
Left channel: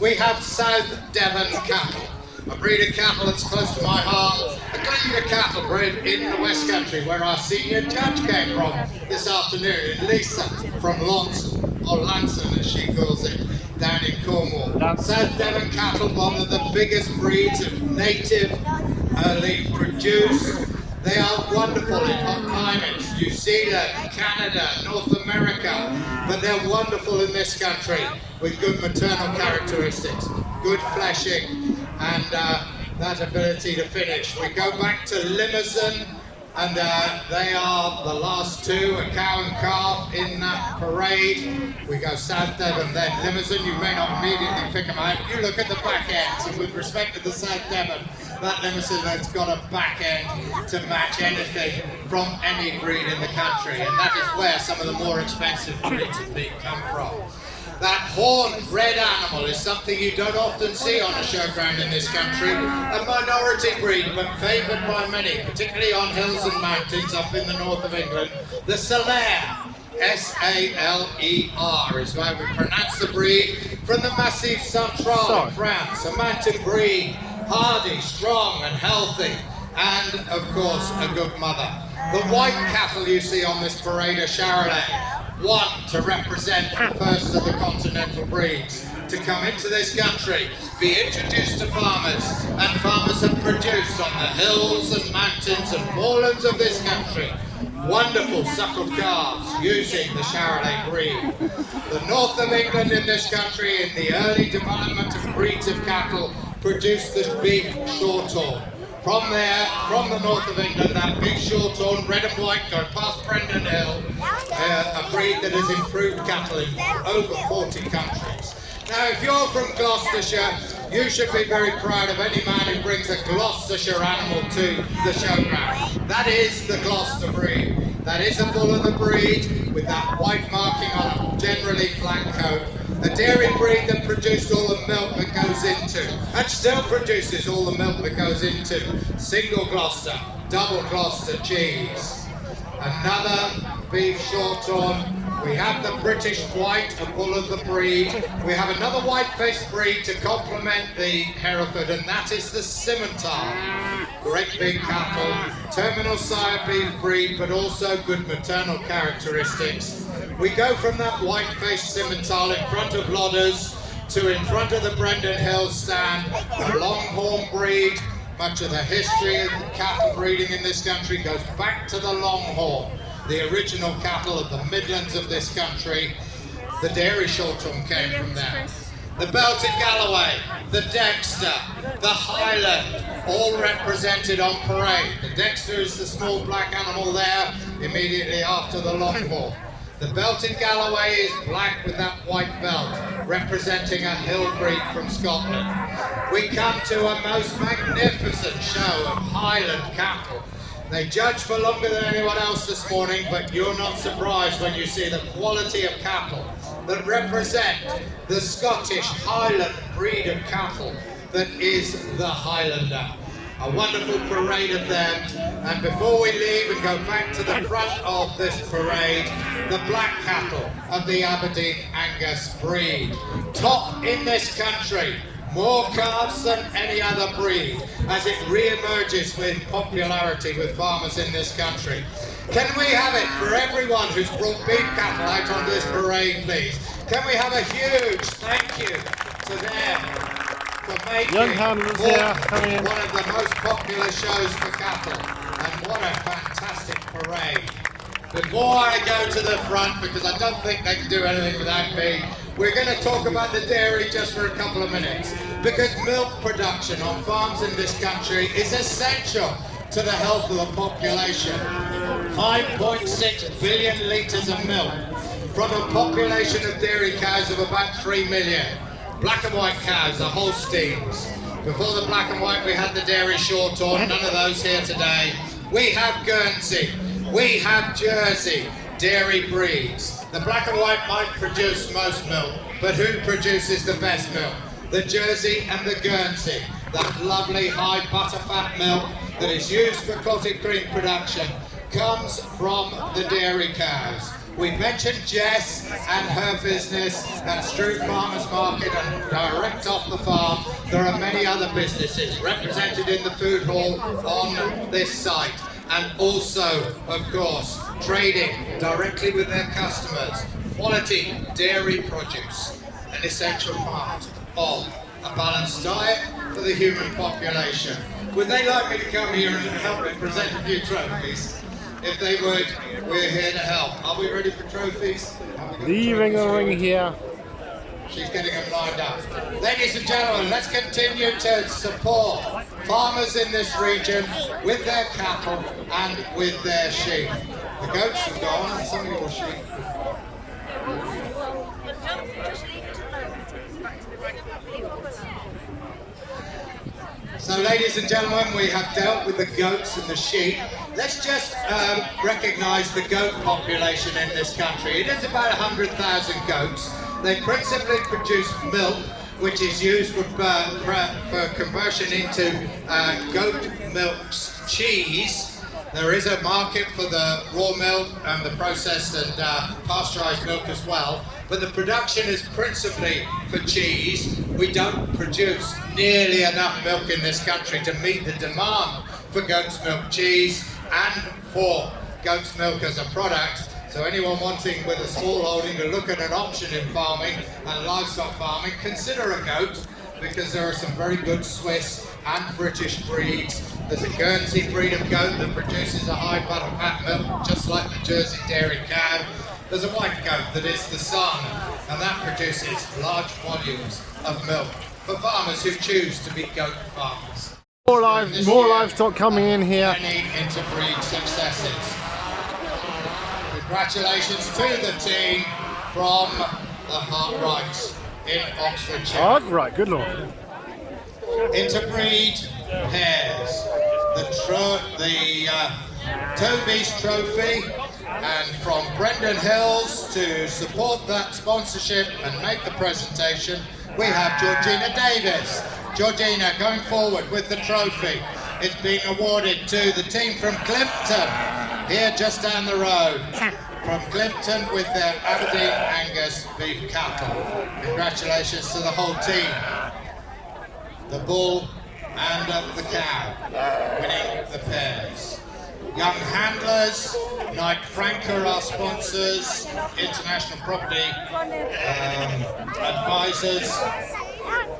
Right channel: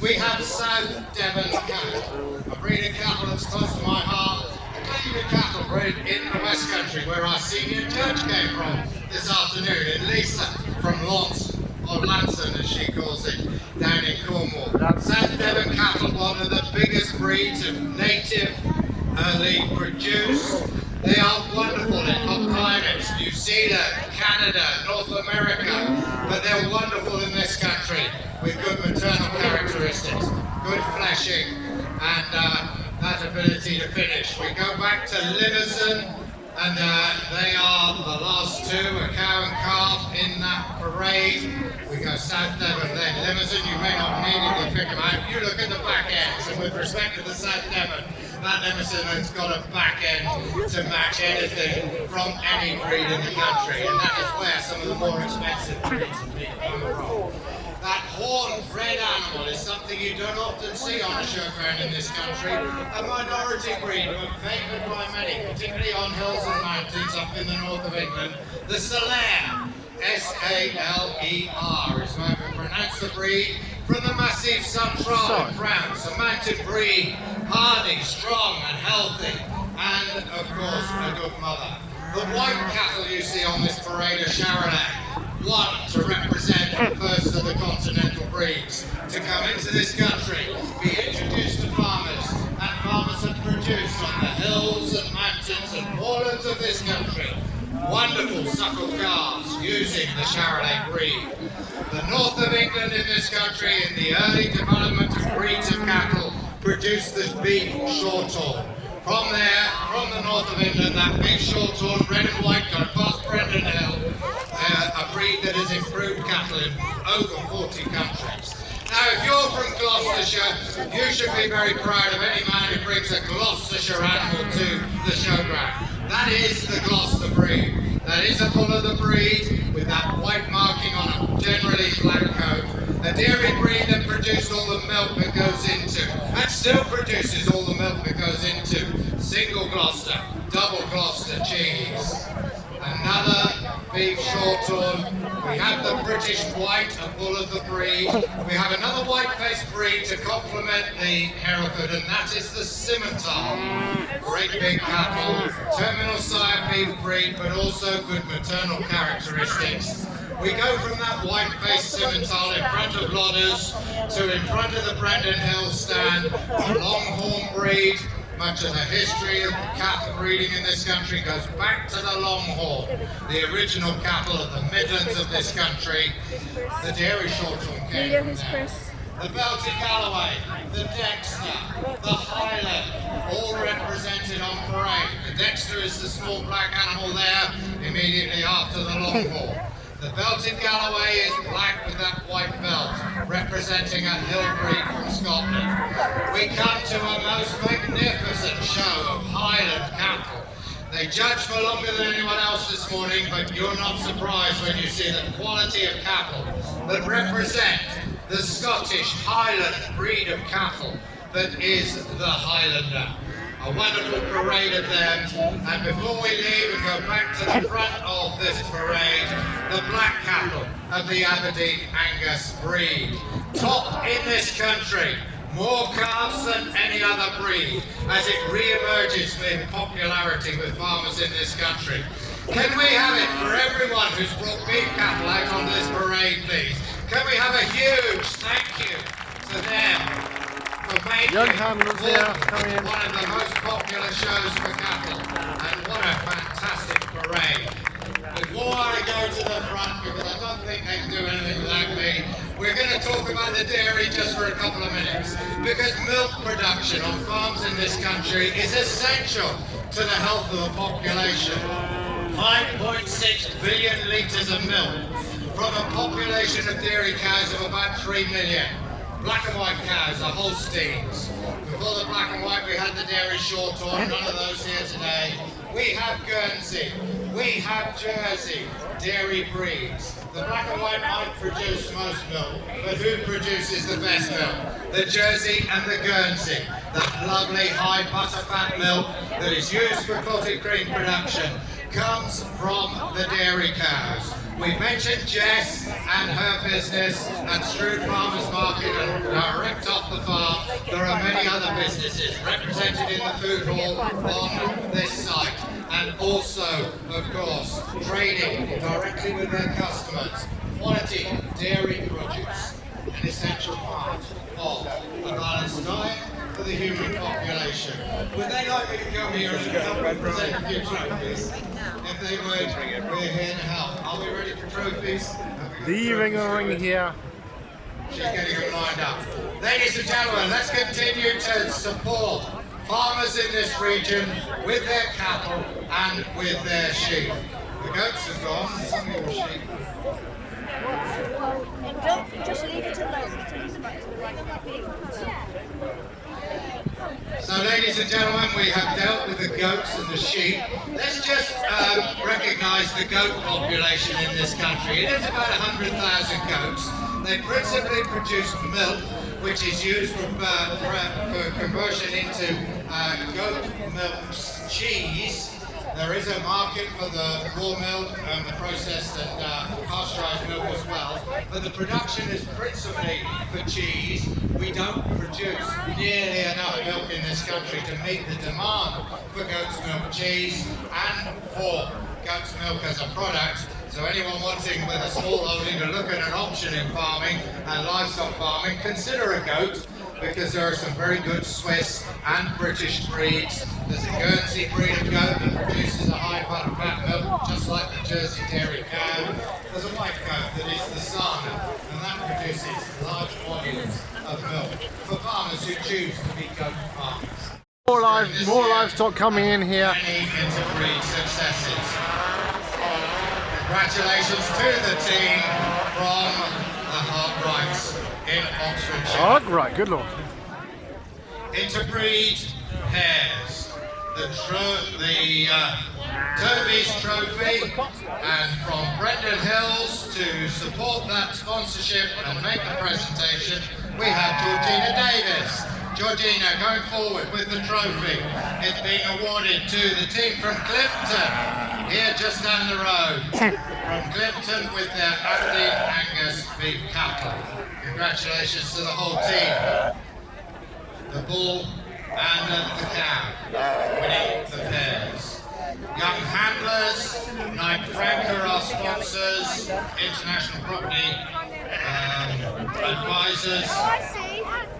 We have South Devon cattle, a breed of cattle that's close to my heart. A breed of cattle bred in the West Country, where our senior judge came from this afternoon, and Lisa from Lanson, as she calls it, down in Cornwall. South Devon cattle, one of the biggest breeds of native early produce. They are wonderful in hot climates, New Zealand, Canada, North America, but they're wonderful in this country with good maternal characteristics, good fleshing, and that ability to finish. We go back to Limousin, and they are the last two, a cow and calf in that parade. We go South Devon, then Limousin. You may not immediately pick them out. You look at the back ends, and with respect to the South Devon, that Limousin has got a back end to match anything from any breed in the country, and that is where some of the more expensive breeds of meat come from. That horned red animal is something you don't often see on a showground in this country. A minority breed, but favoured by many, particularly on hills and mountains up in the north of England. The Salaire, S-A-L-E-R, is how we pronounce the breed, from the Massif Central in France. A mountain breed, hardy, strong and healthy, and of course a good mother. The white cattle you see on this parade are Charolais, one to represent the first of the continental breeds to come into this country, be introduced to farmers, and farmers have produced on the hills and mountains and moorlands of this country wonderful suckled calves using the Charolais breed. The north of England in this country, in the early development of breeds of cattle, produced this big shorthorn. From there, from the north of England, that big shorthorn, red and white, go past Brendan Hill, a breed that has improved cattle in over 40 countries. Now, if you're from Gloucestershire, you should be very proud of any man who brings a Gloucestershire animal to the showground. That is the Gloucester breed. That is a bull of the breed with that white marking on a generally black coat. A dairy breed that produced all the milk that goes into, and still produces all the milk that goes into, single Gloucester, double Gloucester cheese. Another beef short-horn. We have the British white, a bull of the breed. We have another white-faced breed to complement the Hereford, and that is the Simmental. Great big cattle, terminal sire beef breed, but also good maternal characteristics. We go from that white-faced Simmental in front of Lodders to in front of the Brendan Hill stand, a Longhorn breed. Much of the history of cattle breeding in this country goes back to the Longhorn, the original cattle of the Midlands of this country. The dairy shorthorn came from there. The Belted Galloway, the Dexter, the Highland, all represented on parade. The Dexter is the small black animal there, immediately after the Longhorn. The Belted Galloway is black with that white belt, representing a hill breed from Scotland. We come to a most magnificent show of Highland cattle. They judge for longer than anyone else this morning, but you're not surprised when you see the quality of cattle that represent the Scottish Highland breed of cattle that is the Highlander. A wonderful parade of them, and before we leave and go back to the front of this parade, the black cattle of the Aberdeen Angus breed. Top in this country, more calves than any other breed, as it re-emerges in popularity with farmers in this country. Can we have it for everyone who's brought big cattle out on this parade, please? Can we have a huge thank you to them for making Young handlers here coming in. one of the most popular shows for cattle, and what a fantastic parade. Before I go to the front, because I don't think they can do anything without me, we're going to talk about the dairy just for a couple of minutes, because milk production on farms in this country is essential to the health of the population. 5.6 billion litres of milk from a population of dairy cows of about 3 million. Black and white cows are Holsteins. Before the black and white we had the dairy shorthorn, none of those here today. We have Guernsey, we have Jersey dairy breeds. The black and white might produce most milk, but who produces the best milk? The Jersey and the Guernsey. That lovely high butterfat milk that is used for clotted cream production comes from the dairy cows. We mentioned Jess and her business at Stroud Farmers Market and direct off the farm. There are many other businesses represented in the food hall on this site, and also, of course, trading directly with their customers. Quality dairy produce, an essential part of a balanced diet for the human population. Would they like me to come here and help me present a few trophies? If they would, we're here to help. Are we ready for trophies? Leaving a ring here. She's getting them lined up. Ladies and gentlemen, let's continue to support farmers in this region with their cattle and with their sheep. The goats are gone, some of your sheep. And don't just leave it alone until it's back to the right field. So, ladies and gentlemen, we have dealt with the goats and the sheep. Let's just recognise the goat population in this country. It is about 100,000 goats. They principally produce milk, which is used for conversion into goat milk cheese. There is a market for the raw milk and the processed and pasteurised milk as well, but the production is principally for cheese. We don't produce nearly enough milk in this country to meet the demand for goat's milk cheese and for goat's milk as a product. So anyone wanting with a small holding to look at an option in farming and livestock farming, consider a goat, because there are some very good Swiss and British breeds. There's a Guernsey breed of goat that produces a high butterfat milk, just like the Jersey dairy cow. There's a white goat that is the Sun, and that produces large volumes of milk for farmers who choose to be goat farmers. More livestock coming in here. Many interbreed successes. Congratulations to the team from the Hartrights in Oxfordshire. Oh, right, good lord. Interbreed pairs. The Toby's Trophy, and from Brendan Hills to support that sponsorship and make the presentation, we have Georgina Davis. Georgina going forward with the trophy. It's being awarded to the team from Climpton, here just down the road. From Climpton with their Aberdeen Angus beef cattle. Congratulations to the whole team. The bull and the cow winning the pairs. Young handlers, Knight Frank are our sponsors, international property advisors,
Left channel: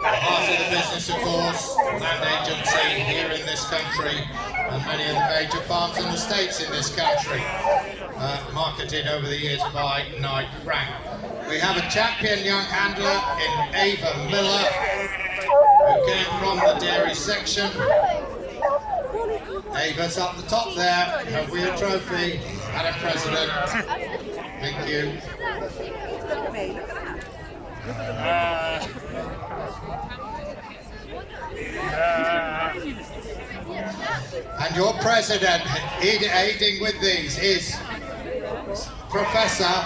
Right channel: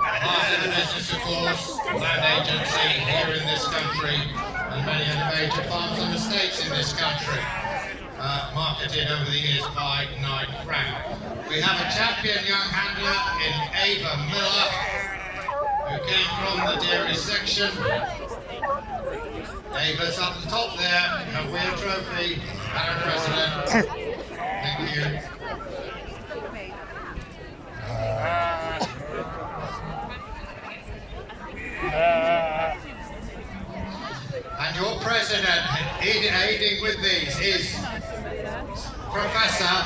part of the business of course, land agency here in this country, and many of the major farms and estates in this country, marketed over the years by Knight Frank. We have a champion young handler in Ava Miller, who came from the dairy section. Ava's up the top there, have we a trophy, Madam President? Thank you. And your president, aiding with these, is Professor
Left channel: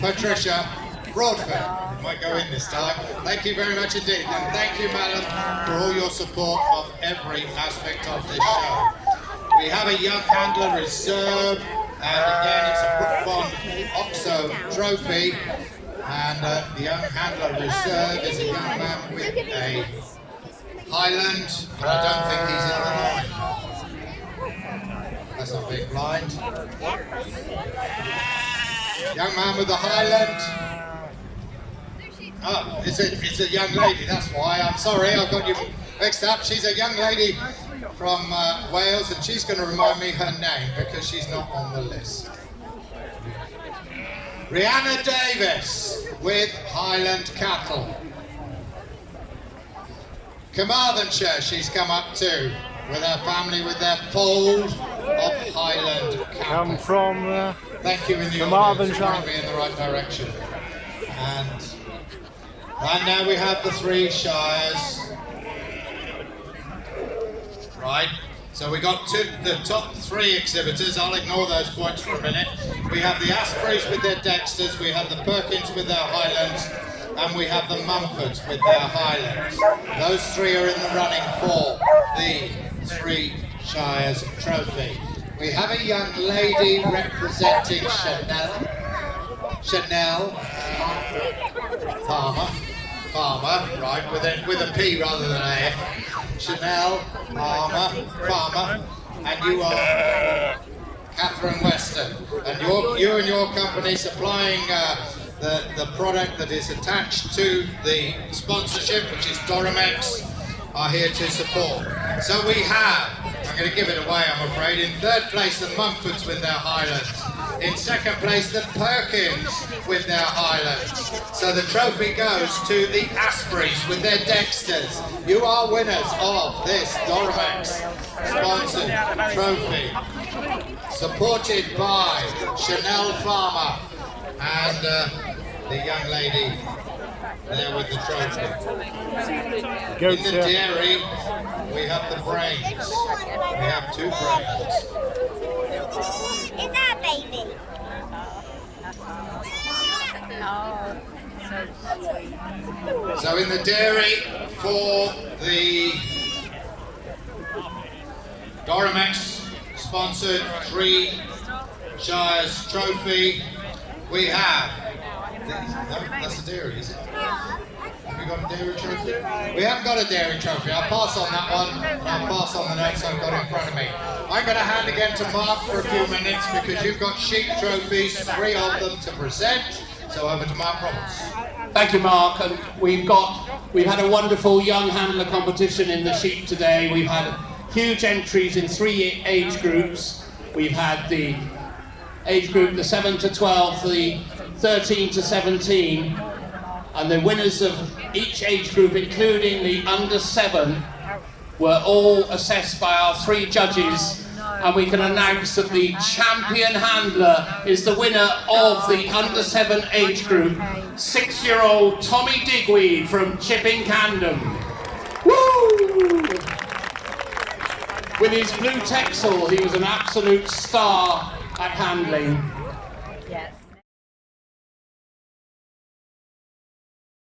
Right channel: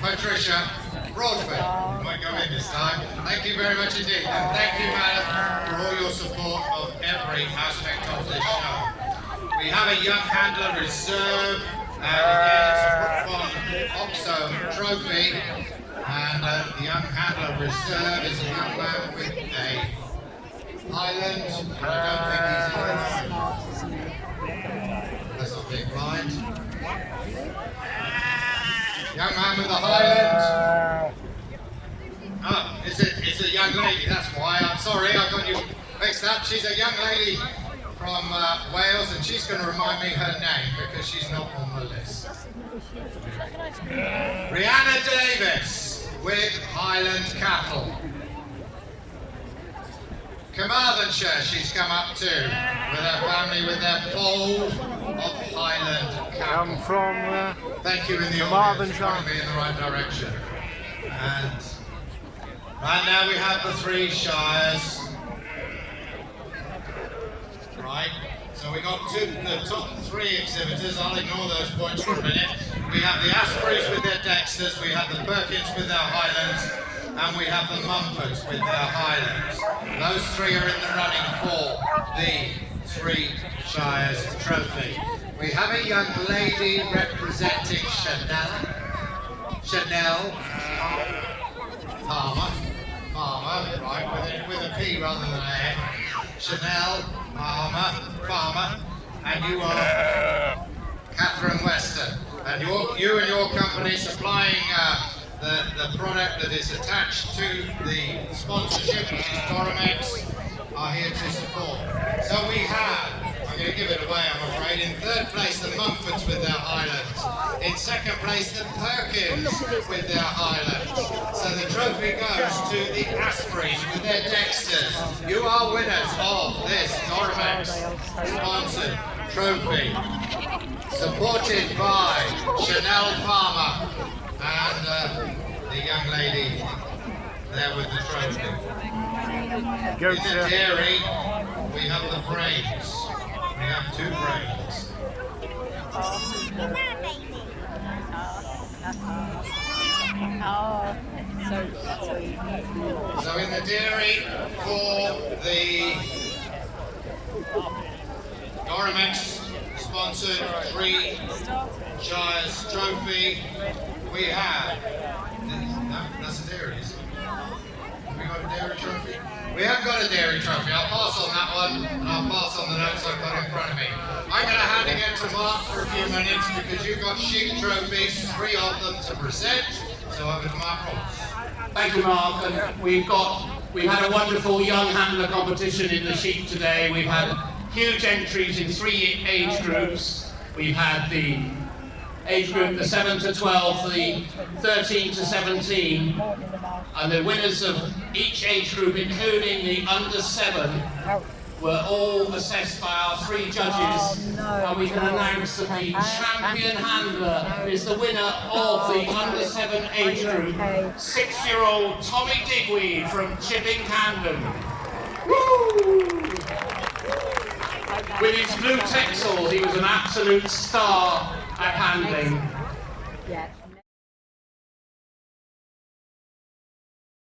Patricia Broadfoot. Might go in this time. Thank you very much indeed. And thank you, madam, for all your support of every aspect of this show. We have a young handler reserve, and again it's a Brookbond Oxo trophy. And the young handler reserve is a young man with a Highland. I don't think he's in the line. That's not being blind. Young man with the Highland. Oh, it's a young lady, that's why. I'm sorry, I've got you mixed up. She's a young lady from Wales, and she's going to remind me her name because she's not on the list. Rihanna Davis with Highland Cattle. Carmarthenshire she's come up to with her family with their fold of Highland Cattle. Come from Thank you in the Carmarthenshire. audience, in the right direction. And right now we have the 3 shires. Right, so we got the top 3 exhibitors. I'll ignore those points for a minute. We have the Aspreys with their Dexters, we have the Perkins with their Highlands, and we have the Mumfords with their Highlands. Those 3 are in the running for the 3 Shires trophy. We have a young lady representing Chanel Farmer, right, with a P rather than an A. Chanel Farmer, and you are Catherine Weston, and you and your company supplying the product that is attached to the sponsorship, which is Doromex, are here to support. So we have, I'm going to give it away I'm afraid, in 3rd place the Mumfords with their Highlands, in 2nd place the Perkins with their Highlands. So the trophy goes to the Aspreys with their Dexters. You are winners of this Doromex sponsored trophy, supported by Chanel Farmer and the young lady there with the trophy. In the dairy, we have the brains. We have 2 brains. Is that baby? Oh, so sweet. So in the dairy, for the Doromex sponsored 3 Shires trophy, we have, no, that's the dairy, is it? Have we got a dairy trophy? We haven't got a dairy trophy. I'll pass on that one, and I'll pass on the notes I've got in front of me. I'm going to hand again to Mark for a few minutes because you've got sheep trophies, 3 of them to present. So over to Mark Roberts. Thank you, Mark. And we've had a wonderful young handler competition in the sheep today. We've had huge entries in 3 age groups. We've had the age group, the 7 to 12, the 13 to 17, and the winners of each age group, including the under 7, were all assessed by our 3 judges and we can announce that the champion handler is the winner of the under-7 age group, 6-year-old Tommy Digweed from Chipping Candom. Woo! With his blue Texel, he was an absolute star at handling. Yes.